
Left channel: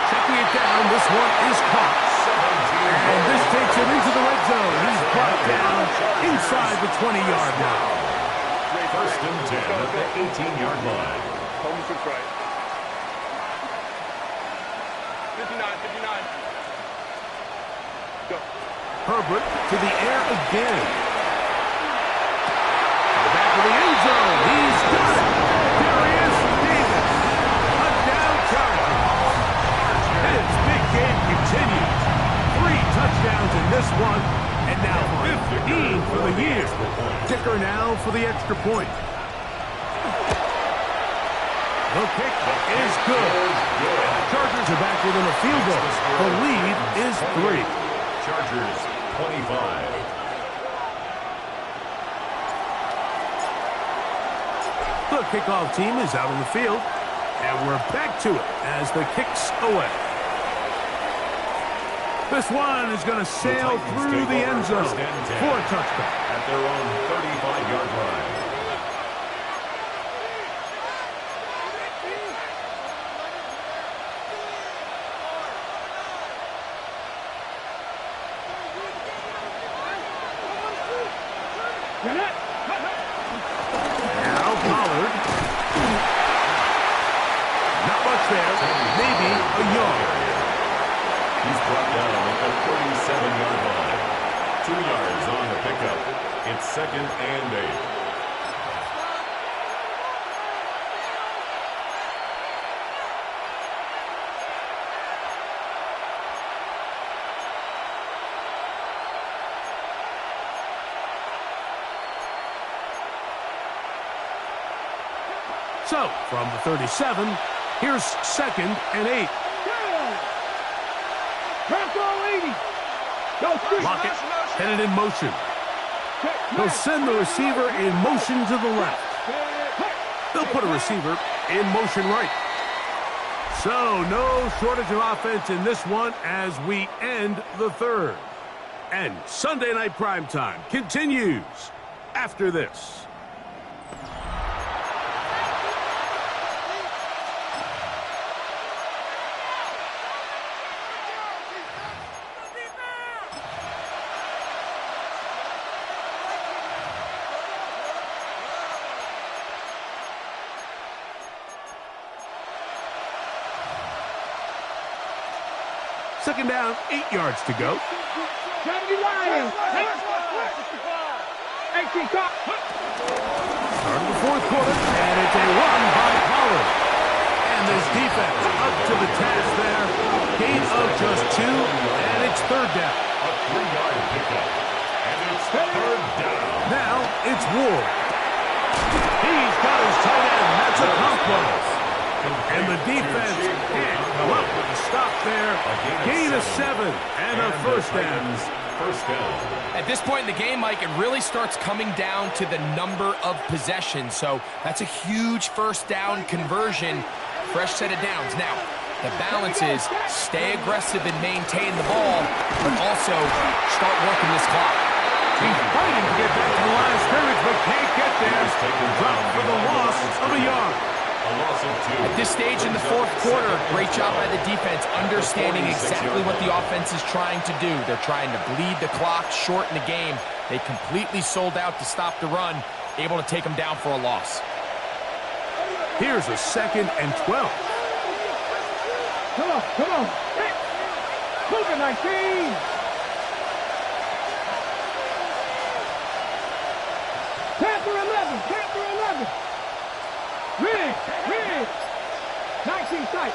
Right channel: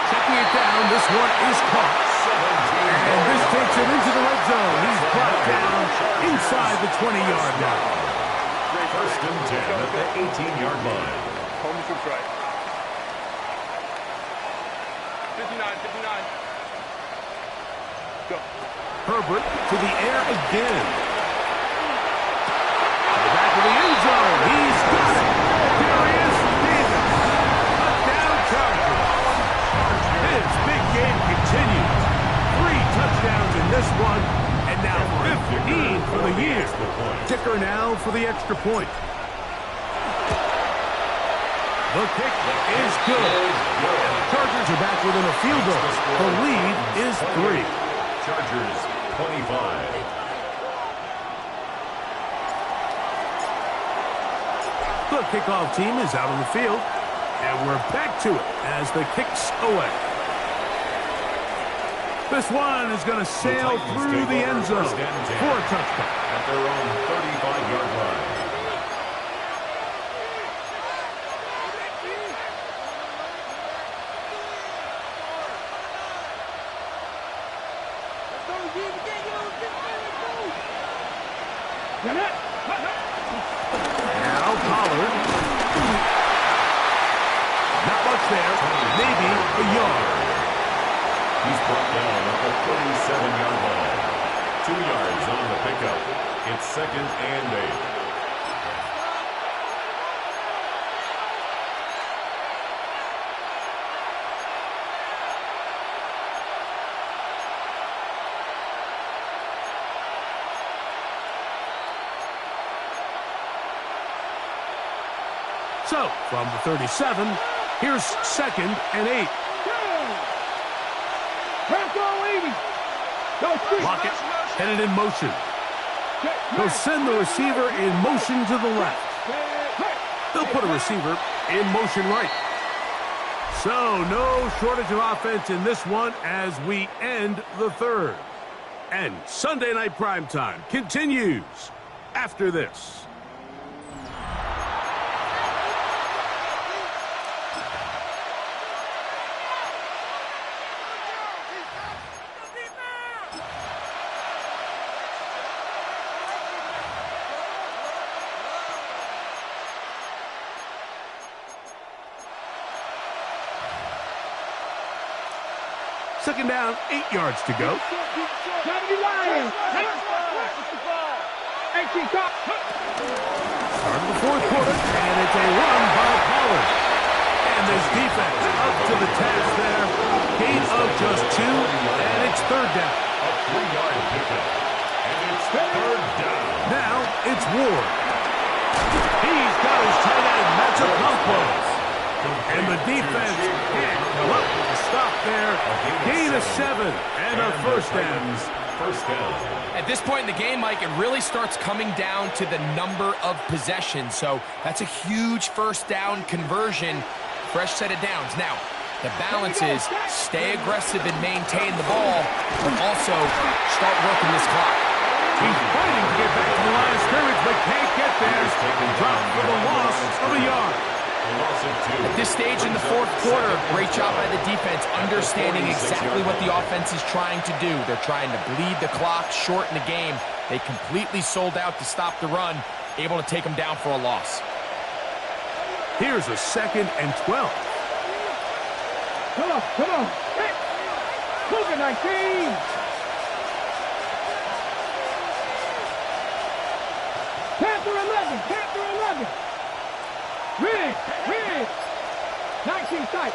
Checking it down. This one is caught. And this takes him into the red zone. He's brought down inside the 20-yard line. First and 10 at the 18-yard line. Home to right. 59. Herbert to the air again. To the back of the end zone. He's got it. There he is, Davis. Touchdown Chargers. His big game continues. 3 touchdowns in this one, and now 15 for the year. Dicker now for the extra point. The kick is good. And the Chargers are back within a field goal. The lead is 3. Chargers 25. The kickoff team is out on the field, and we're back to it as the kick's away. This one is going to sail through the end zone for a touchback. At their own 35-yard line. Now Pollard. Not much there. Maybe a yard. He's brought down at the 37-yard line. 2 yards on the pickup. It's 2nd and 8. So, from the 37, here's 2nd and 8. Lockett headed in motion. They'll send the receiver in motion to the left. They'll put a receiver in motion right. So, no shortage of offense in this one as we end the 3rd. And Sunday Night Primetime continues after this. Second down, 8 yards to go. Start of the 4th quarter, and it's a run by Pollard. And this defense up to the task there. Gain of just 2, and it's 3rd down. A 3-yard pickup. And it's 3rd down. Now it's Ward. He's got his tight end, Matsukampo. And the defense can't come up with a stop there. Gain of 7 and a first down. First down. At this point in the game, Mike, it really starts coming down to the number of possessions. So that's a huge first down conversion. Fresh set of downs. Now, the balance is stay aggressive and maintain the ball, but also start working this clock. He's fighting to get back to the line of scrimmage, but can't get there. Dropped for the loss of a yard. At this stage in the 4th quarter, great job by the defense, understanding exactly what the offense is trying to do. They're trying to bleed the clock, shorten the game. They completely sold out to stop the run, able to take them down for a loss. Here's a 2nd and 12. Come on. Hey. Move it, 19. Panther 11. Red. 19 tight.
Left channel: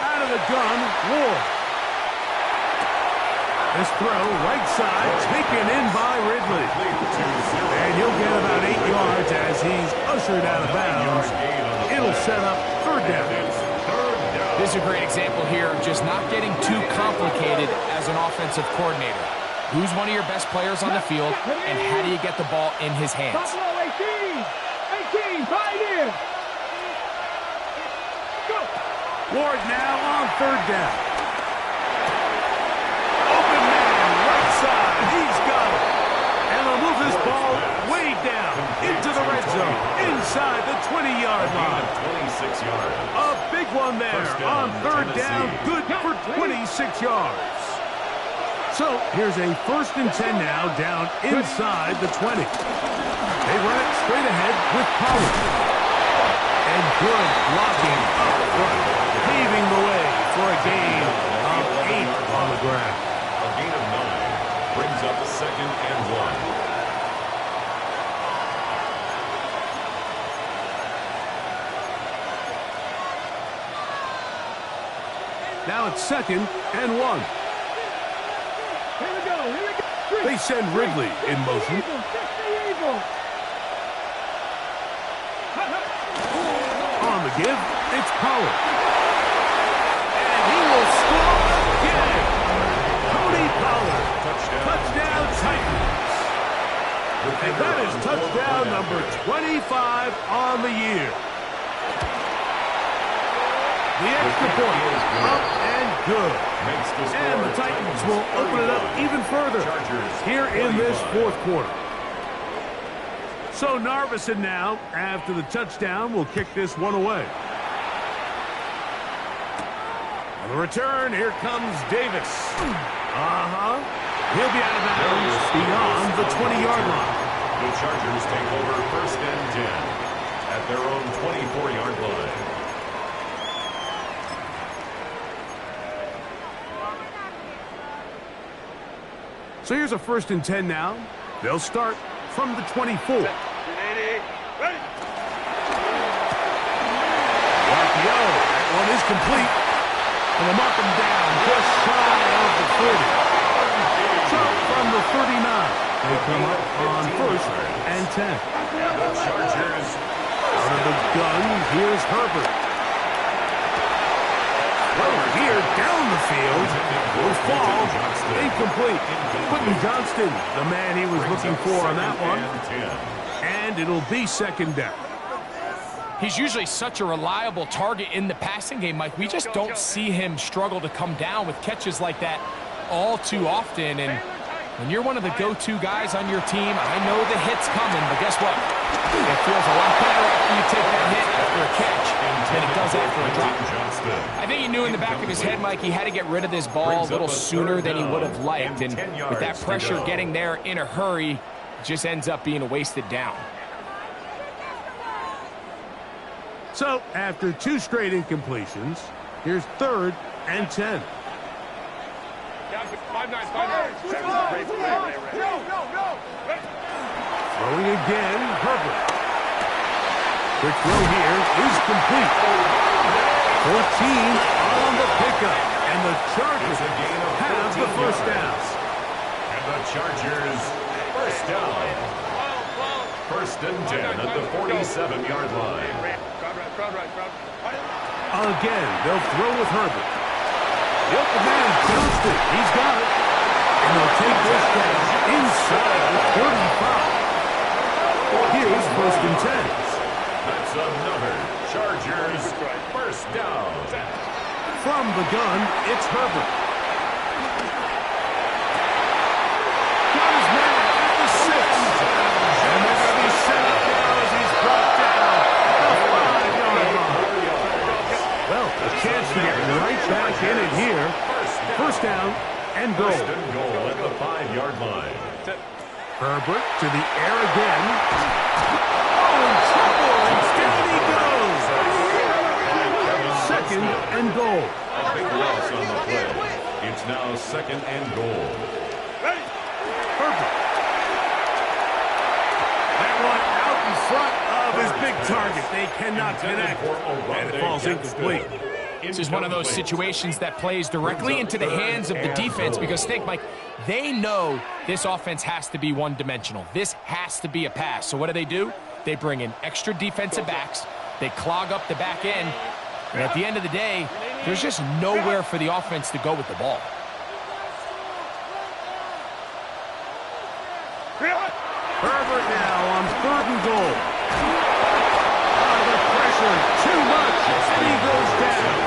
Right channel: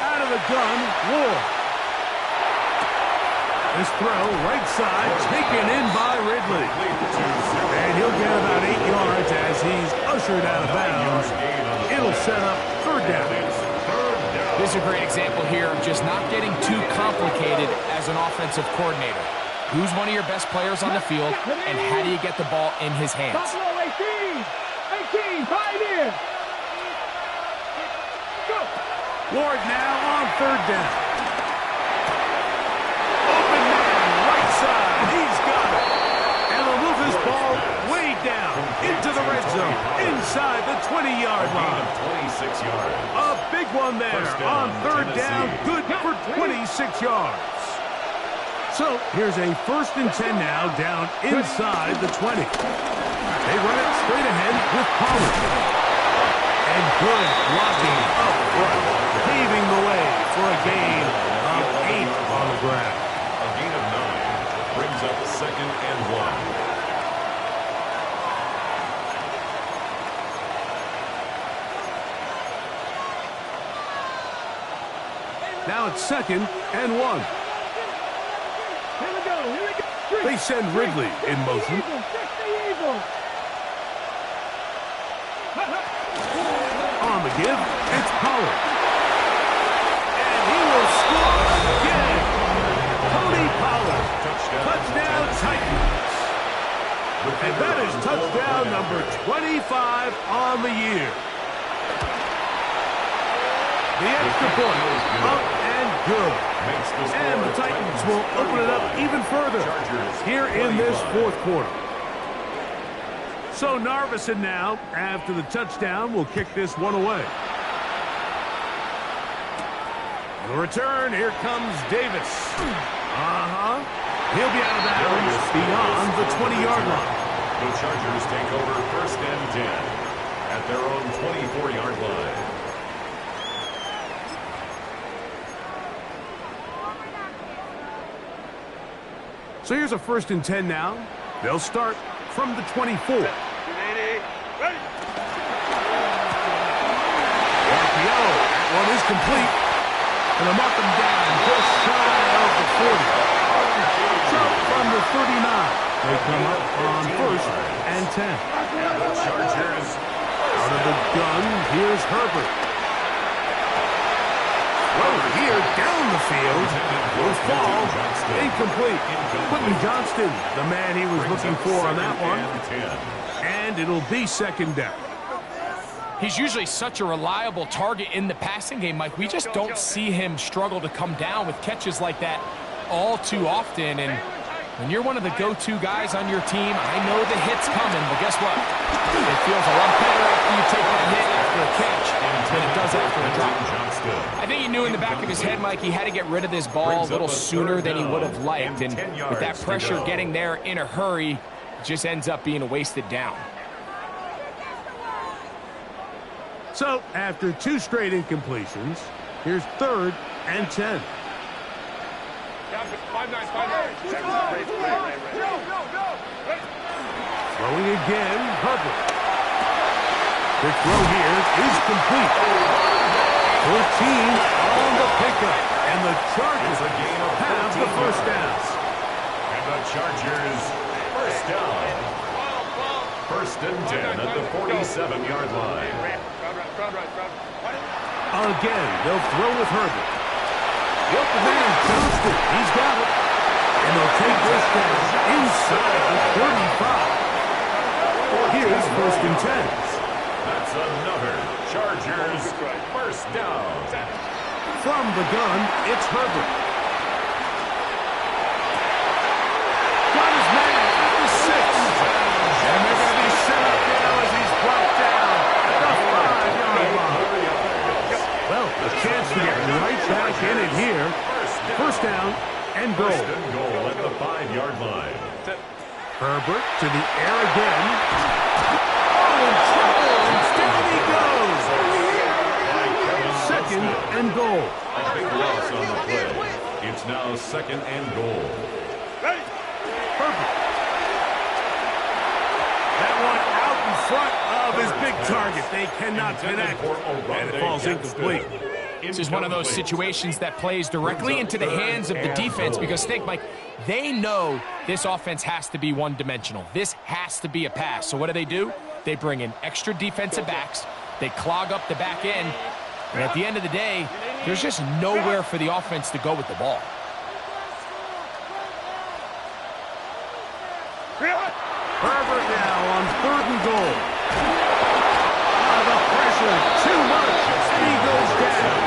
Out of the gun, Ward. This throw, right side, taken in by Ridley. And he'll get about 8 yards as he's ushered out of bounds. It'll set up 3rd down. This is a great example here of just not getting too complicated as an offensive coordinator. Who's one of your best players on the field, and how do you get the ball in his hands? Buffalo 18, pioneer. Go. Ward now on 3rd down. Open man, right side. He's got it. And they'll move this ball way down into the red zone, inside the 20-yard line. 26 yards. A big one there on 3rd down. Good for 26 yards. So here's a 1st and 10 now down inside the 20. They run it straight ahead with Pollard. And good blocking up front, paving the way for a gain of 8 on the ground. A gain of 9 brings up 2nd and 1. Now it's 2nd and 1. Here we go. They send Ridley in motion. On the give, it's Pollard. And he will score again. Tony Pollard. Touchdown Titans. And that is touchdown number 25 on the year. The extra point, up and good. And the Titans will open it up even further here in this 4th quarter. So Narveson now, after the touchdown, will kick this one away. On the return, here comes Davis. He'll be out of bounds beyond the 20-yard line. The Chargers take over 1st and 10 at their own 24-yard line. So here's a 1st and 10 now. They'll start from the 24. The RPO, that one is complete. And they'll mark them down just shy of the 40. So from the 39, they come up on 1st and 10. And the Chargers out of the gun, here's Herbert. Over here, down the field, will fall, incomplete. Quentin Johnston, the man he was looking for on that one. And it'll be 2nd down. He's usually such a reliable target in the passing game, Mike. We just don't see him struggle to come down with catches like that all too often. And when you're one of the go-to guys on your team, I know the hit's coming, but guess what? It feels a lot better after you take that hit after a catch than it does after a drop. I think he knew in the back of his head, Mike, he had to get rid of this ball a little sooner than he would have liked. And with that pressure getting there in a hurry, it just ends up being a wasted down. So after 2 straight incompletions, here's 3rd and 10. Throwing again, Herbert. Quick throw here is complete. 14 on the pickup, and the Chargers have the 1st down. And the Chargers 1st down. 1st and 10 at the 47-yard line. Again, they'll throw with Herbert. The open man, Johnston, he's got it. And they'll take this down inside the 35. Here's 1st and 10. That's another Chargers 1st down. From the gun, it's Herbert. Got his man at the 6. And they're going to be set up now as he's brought down at the 5-yard line. Well, a chance to get right back in it here. 1st down and goal. 1st and goal at the 5-yard line. Herbert to the air again. Oh, in trouble, and down he goes. 2nd and goal. A big loss on the play. It's now 2nd and goal. Herbert. That one out in front of his big target. They cannot connect, and it falls incomplete. This is one of those situations that plays directly into the hands of the defense because, think, Mike, they know this offense has to be one-dimensional. This has to be a pass. So what do? They bring in extra defensive backs. They clog up the back end. And at the end of the day, there's just nowhere for the offense to go with the ball. Herbert now on 3rd and goal. The pressure, too much, and he goes down.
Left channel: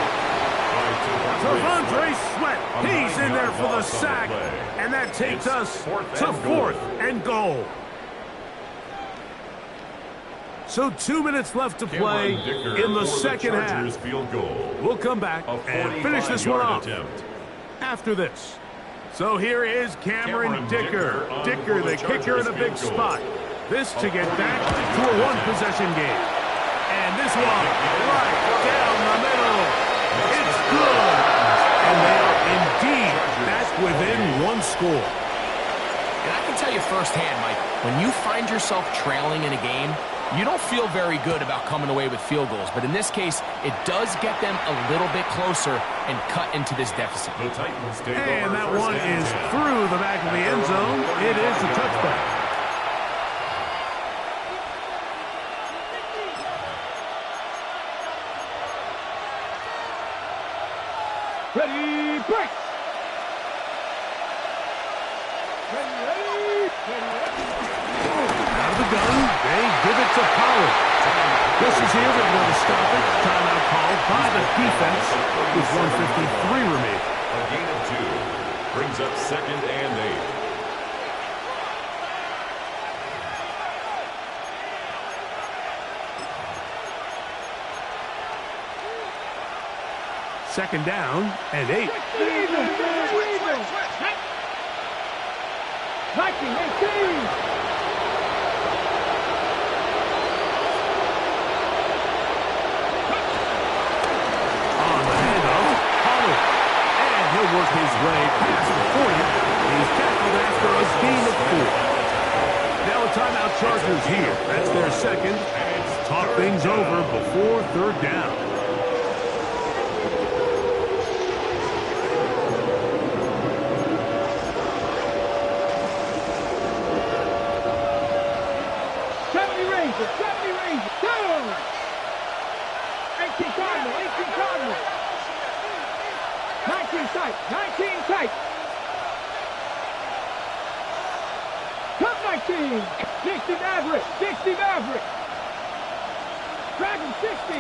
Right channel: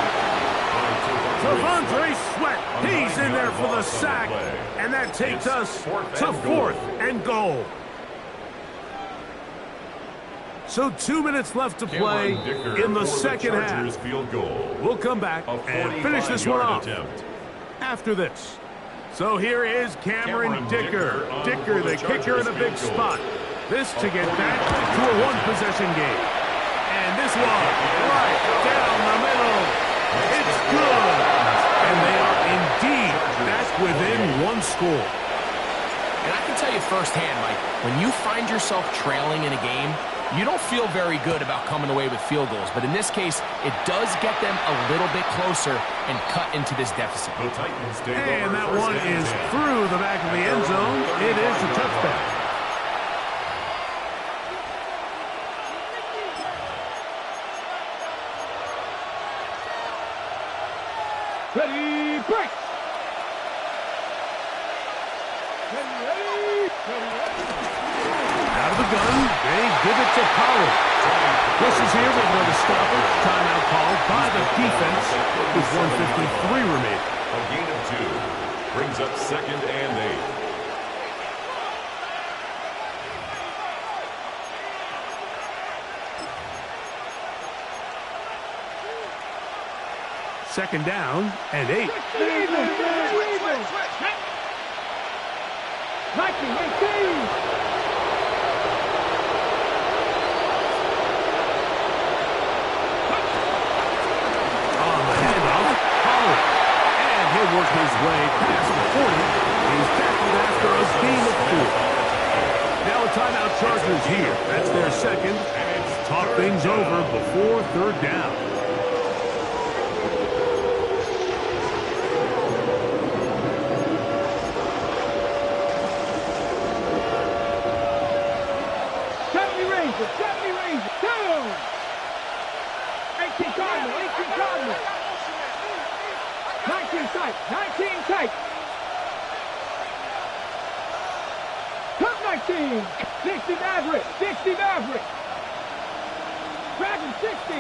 Devondre Sweat, he's in there for the sack, and that takes us to 4th and goal. So 2 minutes left to play in the 2nd half. We'll come back and finish this one off after this. So here is Cameron Dicker. Dicker, the kicker in a big spot. This to get back to a 1-possession game. And this one right down the middle. It's good. And they are indeed back within one score. And I can tell you firsthand, Mike, when you find yourself trailing in a game, you don't feel very good about coming away with field goals. But in this case, it does get them a little bit closer and cut into this deficit. The Titans take And over that first one and is 10. through the back of the end zone. It is a touchback. Ready, break. Ready. Out of the gun, they give it to Pollard. Whistles here, we're going to stop it. Timeout called by the defense with 1:53 remaining. A gain of 2 brings up 2nd and 8. Second down and 8. Nike, 18. On the handoff, Pollard. And he'll work his way past the 40. He's tackled after a gain of 4. Now a timeout Chargers here. That's their second. Talk things over before third down. Down! 18 Cardinal, 18 Cardinal. 19 tight, 19 tight. Cut 19. 60 Maverick, 60 Maverick. Dragon 60,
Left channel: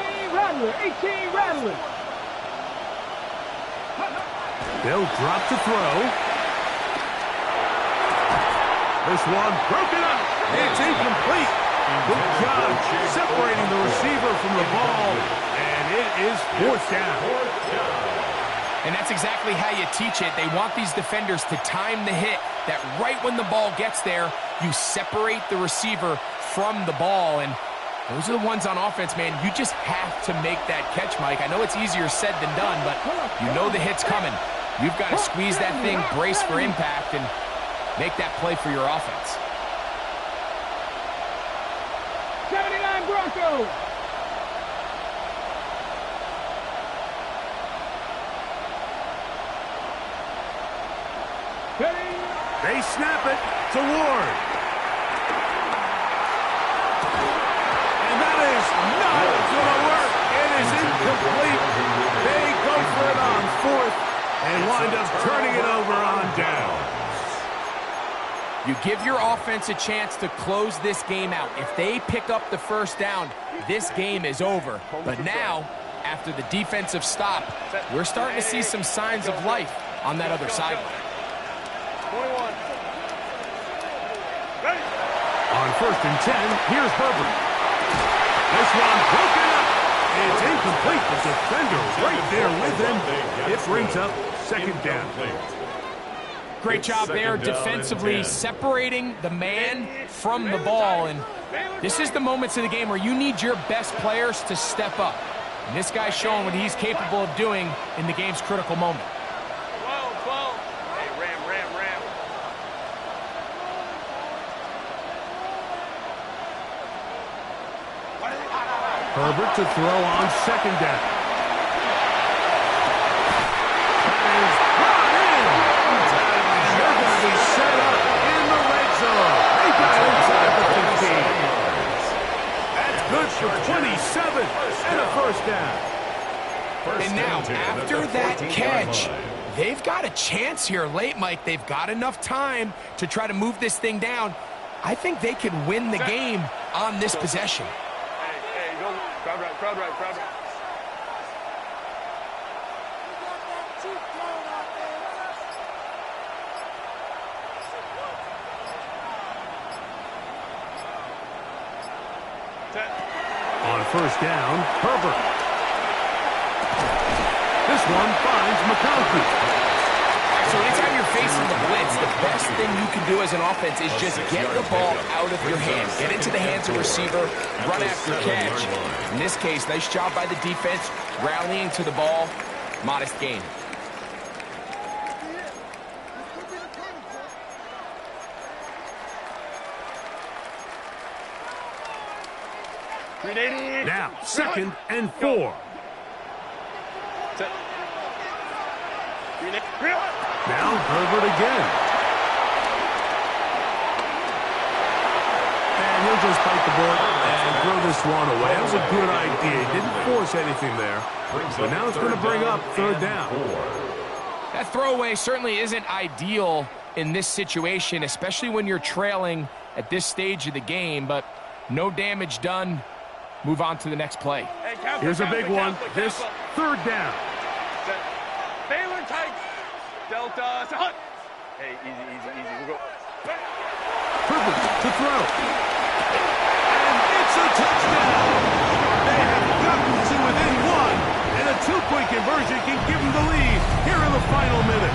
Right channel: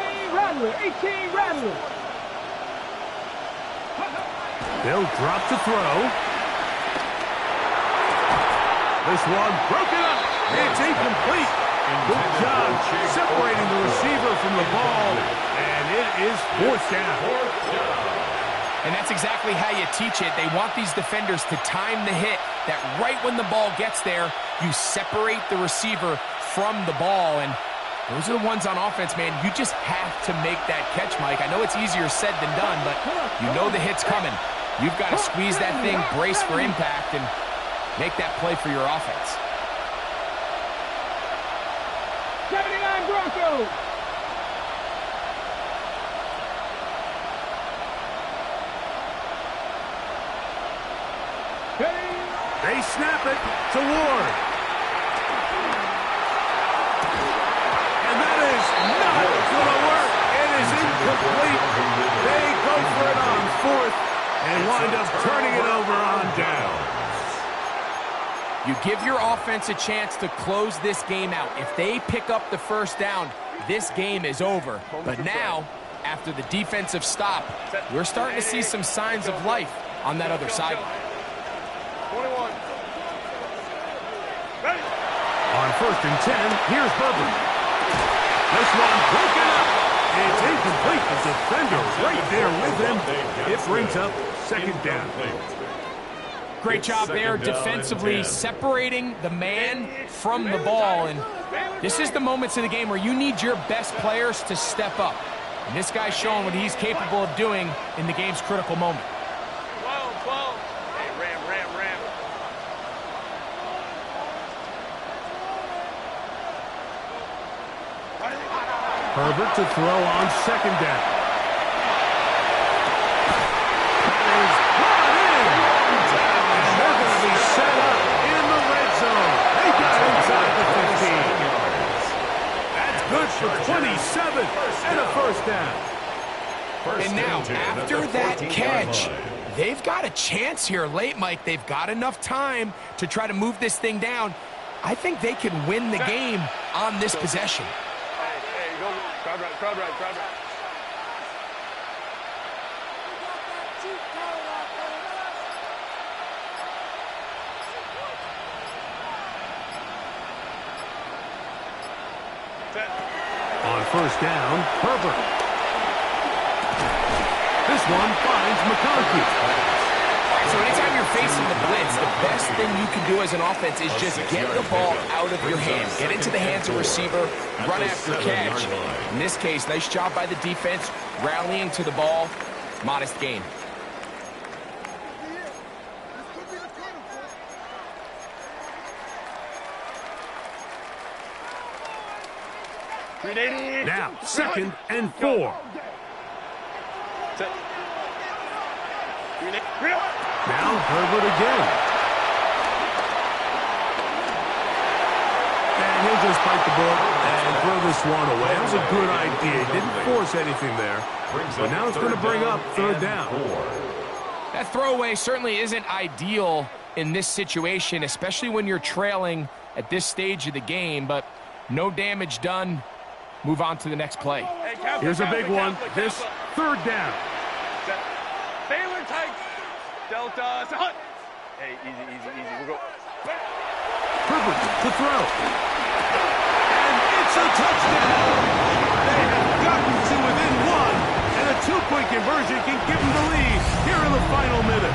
18 Rattler, 18 Rattler. They'll drop to throw. This one broken up. It's incomplete. Good job separating the receiver from the ball, and it is fourth down. And that's exactly how you teach it. They want these defenders to time the hit, that right when the ball gets there, you separate the receiver from the ball. And those are the ones on offense, man. You just have to make that catch, Mike. I know it's easier said than done, but you know the hit's coming. You've got to squeeze that thing, brace for impact, and make that play for your offense. 79 Broncos. They snap it to Ward. And that is not going to work. It is incomplete. They go for it on fourth and wind up turning it over on down. You give your offense a chance to close this game out. If they pick up the first down, this game is over. But now, after the defensive stop, we're starting to see some signs of life on that other sideline. 21. Ready. On 1st and 10, here's Herbert. This one broken up. It's incomplete. The defender right there with him. It brings up second down. Great job there defensively, separating the man from the ball. And this is the moments of the game where you need your best players to step up. And this guy's showing what he's capable of doing in the game's critical moment. 12. Hey, Ram. Herbert to throw on second down. That is brought in. And they're going to be set up in the red zone. They got inside the 15. That's good for 27 and a first down. And now, after that catch, they've got a chance here late, Mike. They've got enough time to try to move this thing down. I think they can win the game on this possession. Hey, go. Crowd right. On first down, Herbert. This one finds McConkey. So anytime you're facing the blitz, the best thing you can do as an offense is just get the ball out of your hands. Get into the hands of receiver, run after catch. In this case, nice job by the defense, rallying to the ball. Modest gain. Now, 2nd and 4. Now, Herbert again. And he'll just bite the bullet and throw this one away. That was a good idea. He didn't force anything there. But now it's going to bring up 3rd down. That throwaway certainly isn't ideal in this situation, especially when you're trailing at this stage of the game. But no damage done. Move on to the next play. Here's a big one. This 3rd down. Baylor tight. Delta. Hunt. Hey, easy. We'll go. Herbert to throw. And it's a touchdown. They have gotten to within 1. And a 2-point conversion can give them the lead here in the final minute.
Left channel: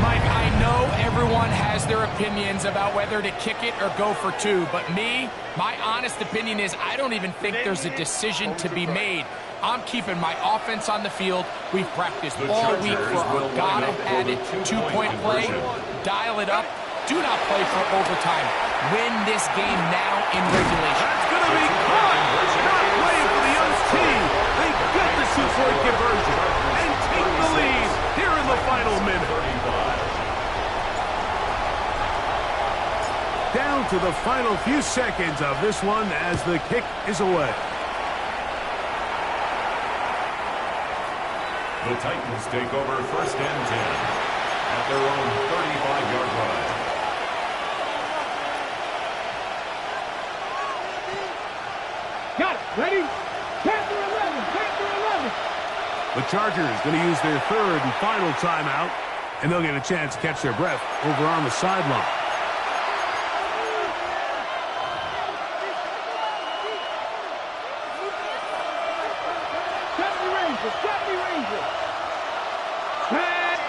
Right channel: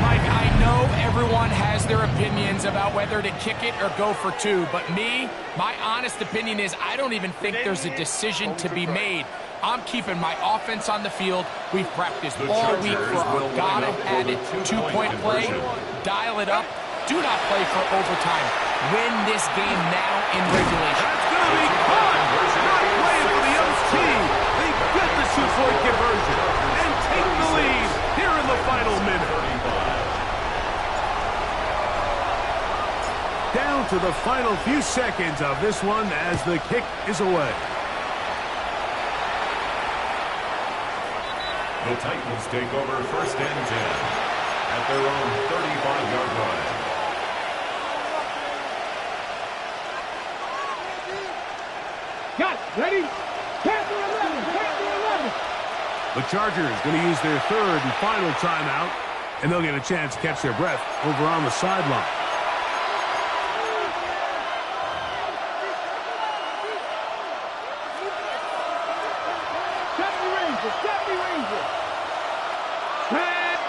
Mike, I know everyone has their opinions about whether to kick it or go for 2, but my honest opinion is I don't even think there's a decision to be made. I'm keeping my offense on the field. We've practiced all week for our gotta-have-it 2-point play. Dial it up. Do not play for overtime. Win this game now in regulation. That's going to be caught. Not playing for the young team. They get the 2-point conversion and take the lead here in the final minute. Down to the final few seconds of this one as the kick is away. The Titans take over 1st and 10 at their own 35-yard line. Got it. Ready? 10 to 11. 10 to 11. The Chargers going to use their 3rd and final timeout, and they'll get a chance to catch their breath over on the sideline.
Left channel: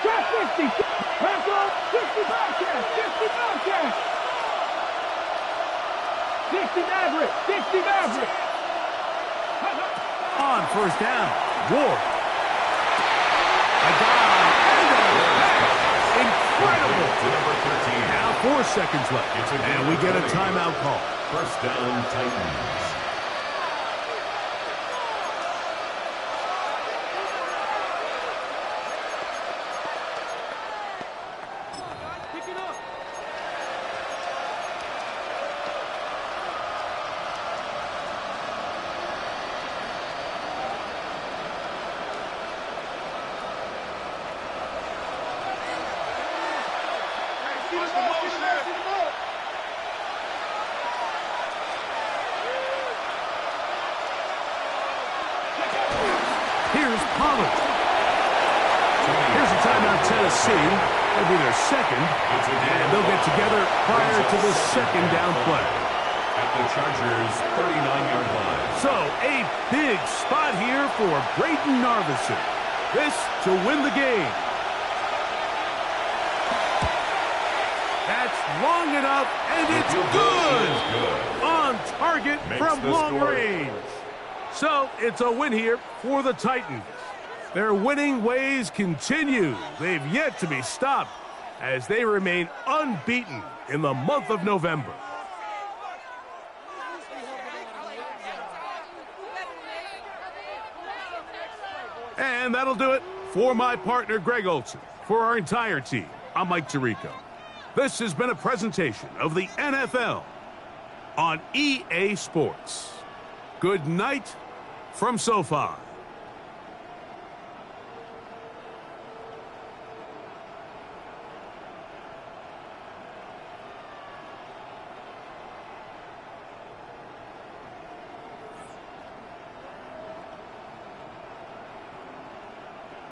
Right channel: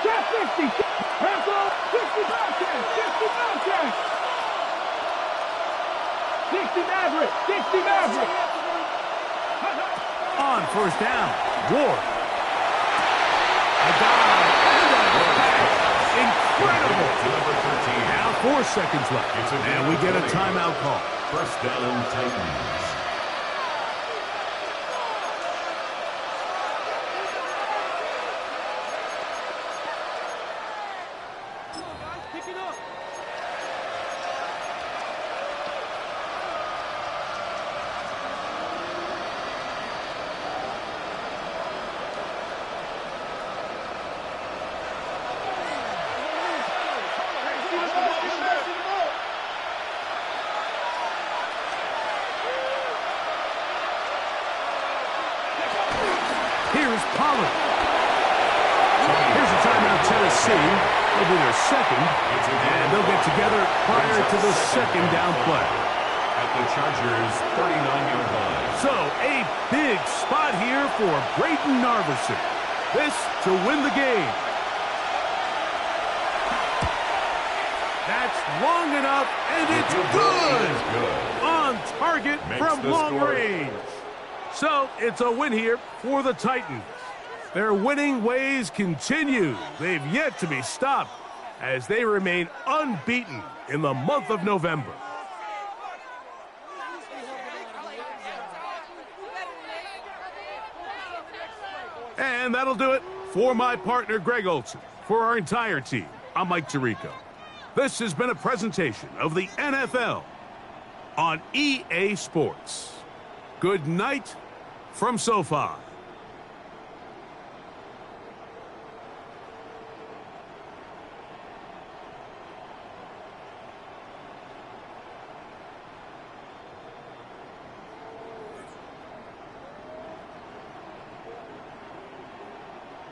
Trap 50. Pencil. 60 Bobcat. 60 Bobcat. 60 Maverick. 60 Maverick. On 1st down, Ward. A dive and a catch. Incredible. To number 13. Now 4 seconds left, and we get a timeout call. 1st down, Titans. Here's Pollard. Here's a timeout, Tennessee. It'll be their 2nd, and they'll get together prior to the 2nd down play. At the Chargers' 39-yard line. So, a big spot here for Braden Narveson. This to win the game. That's long enough, and it's good. On target from long range. So, it's a win here for the Titans. Their winning ways continue. They've yet to be stopped as they remain unbeaten in the month of November. And that'll do it for my partner, Greg Olson. For our entire team, I'm Mike Tirico. This has been a presentation of the NFL on EA Sports. Good night from SoFi.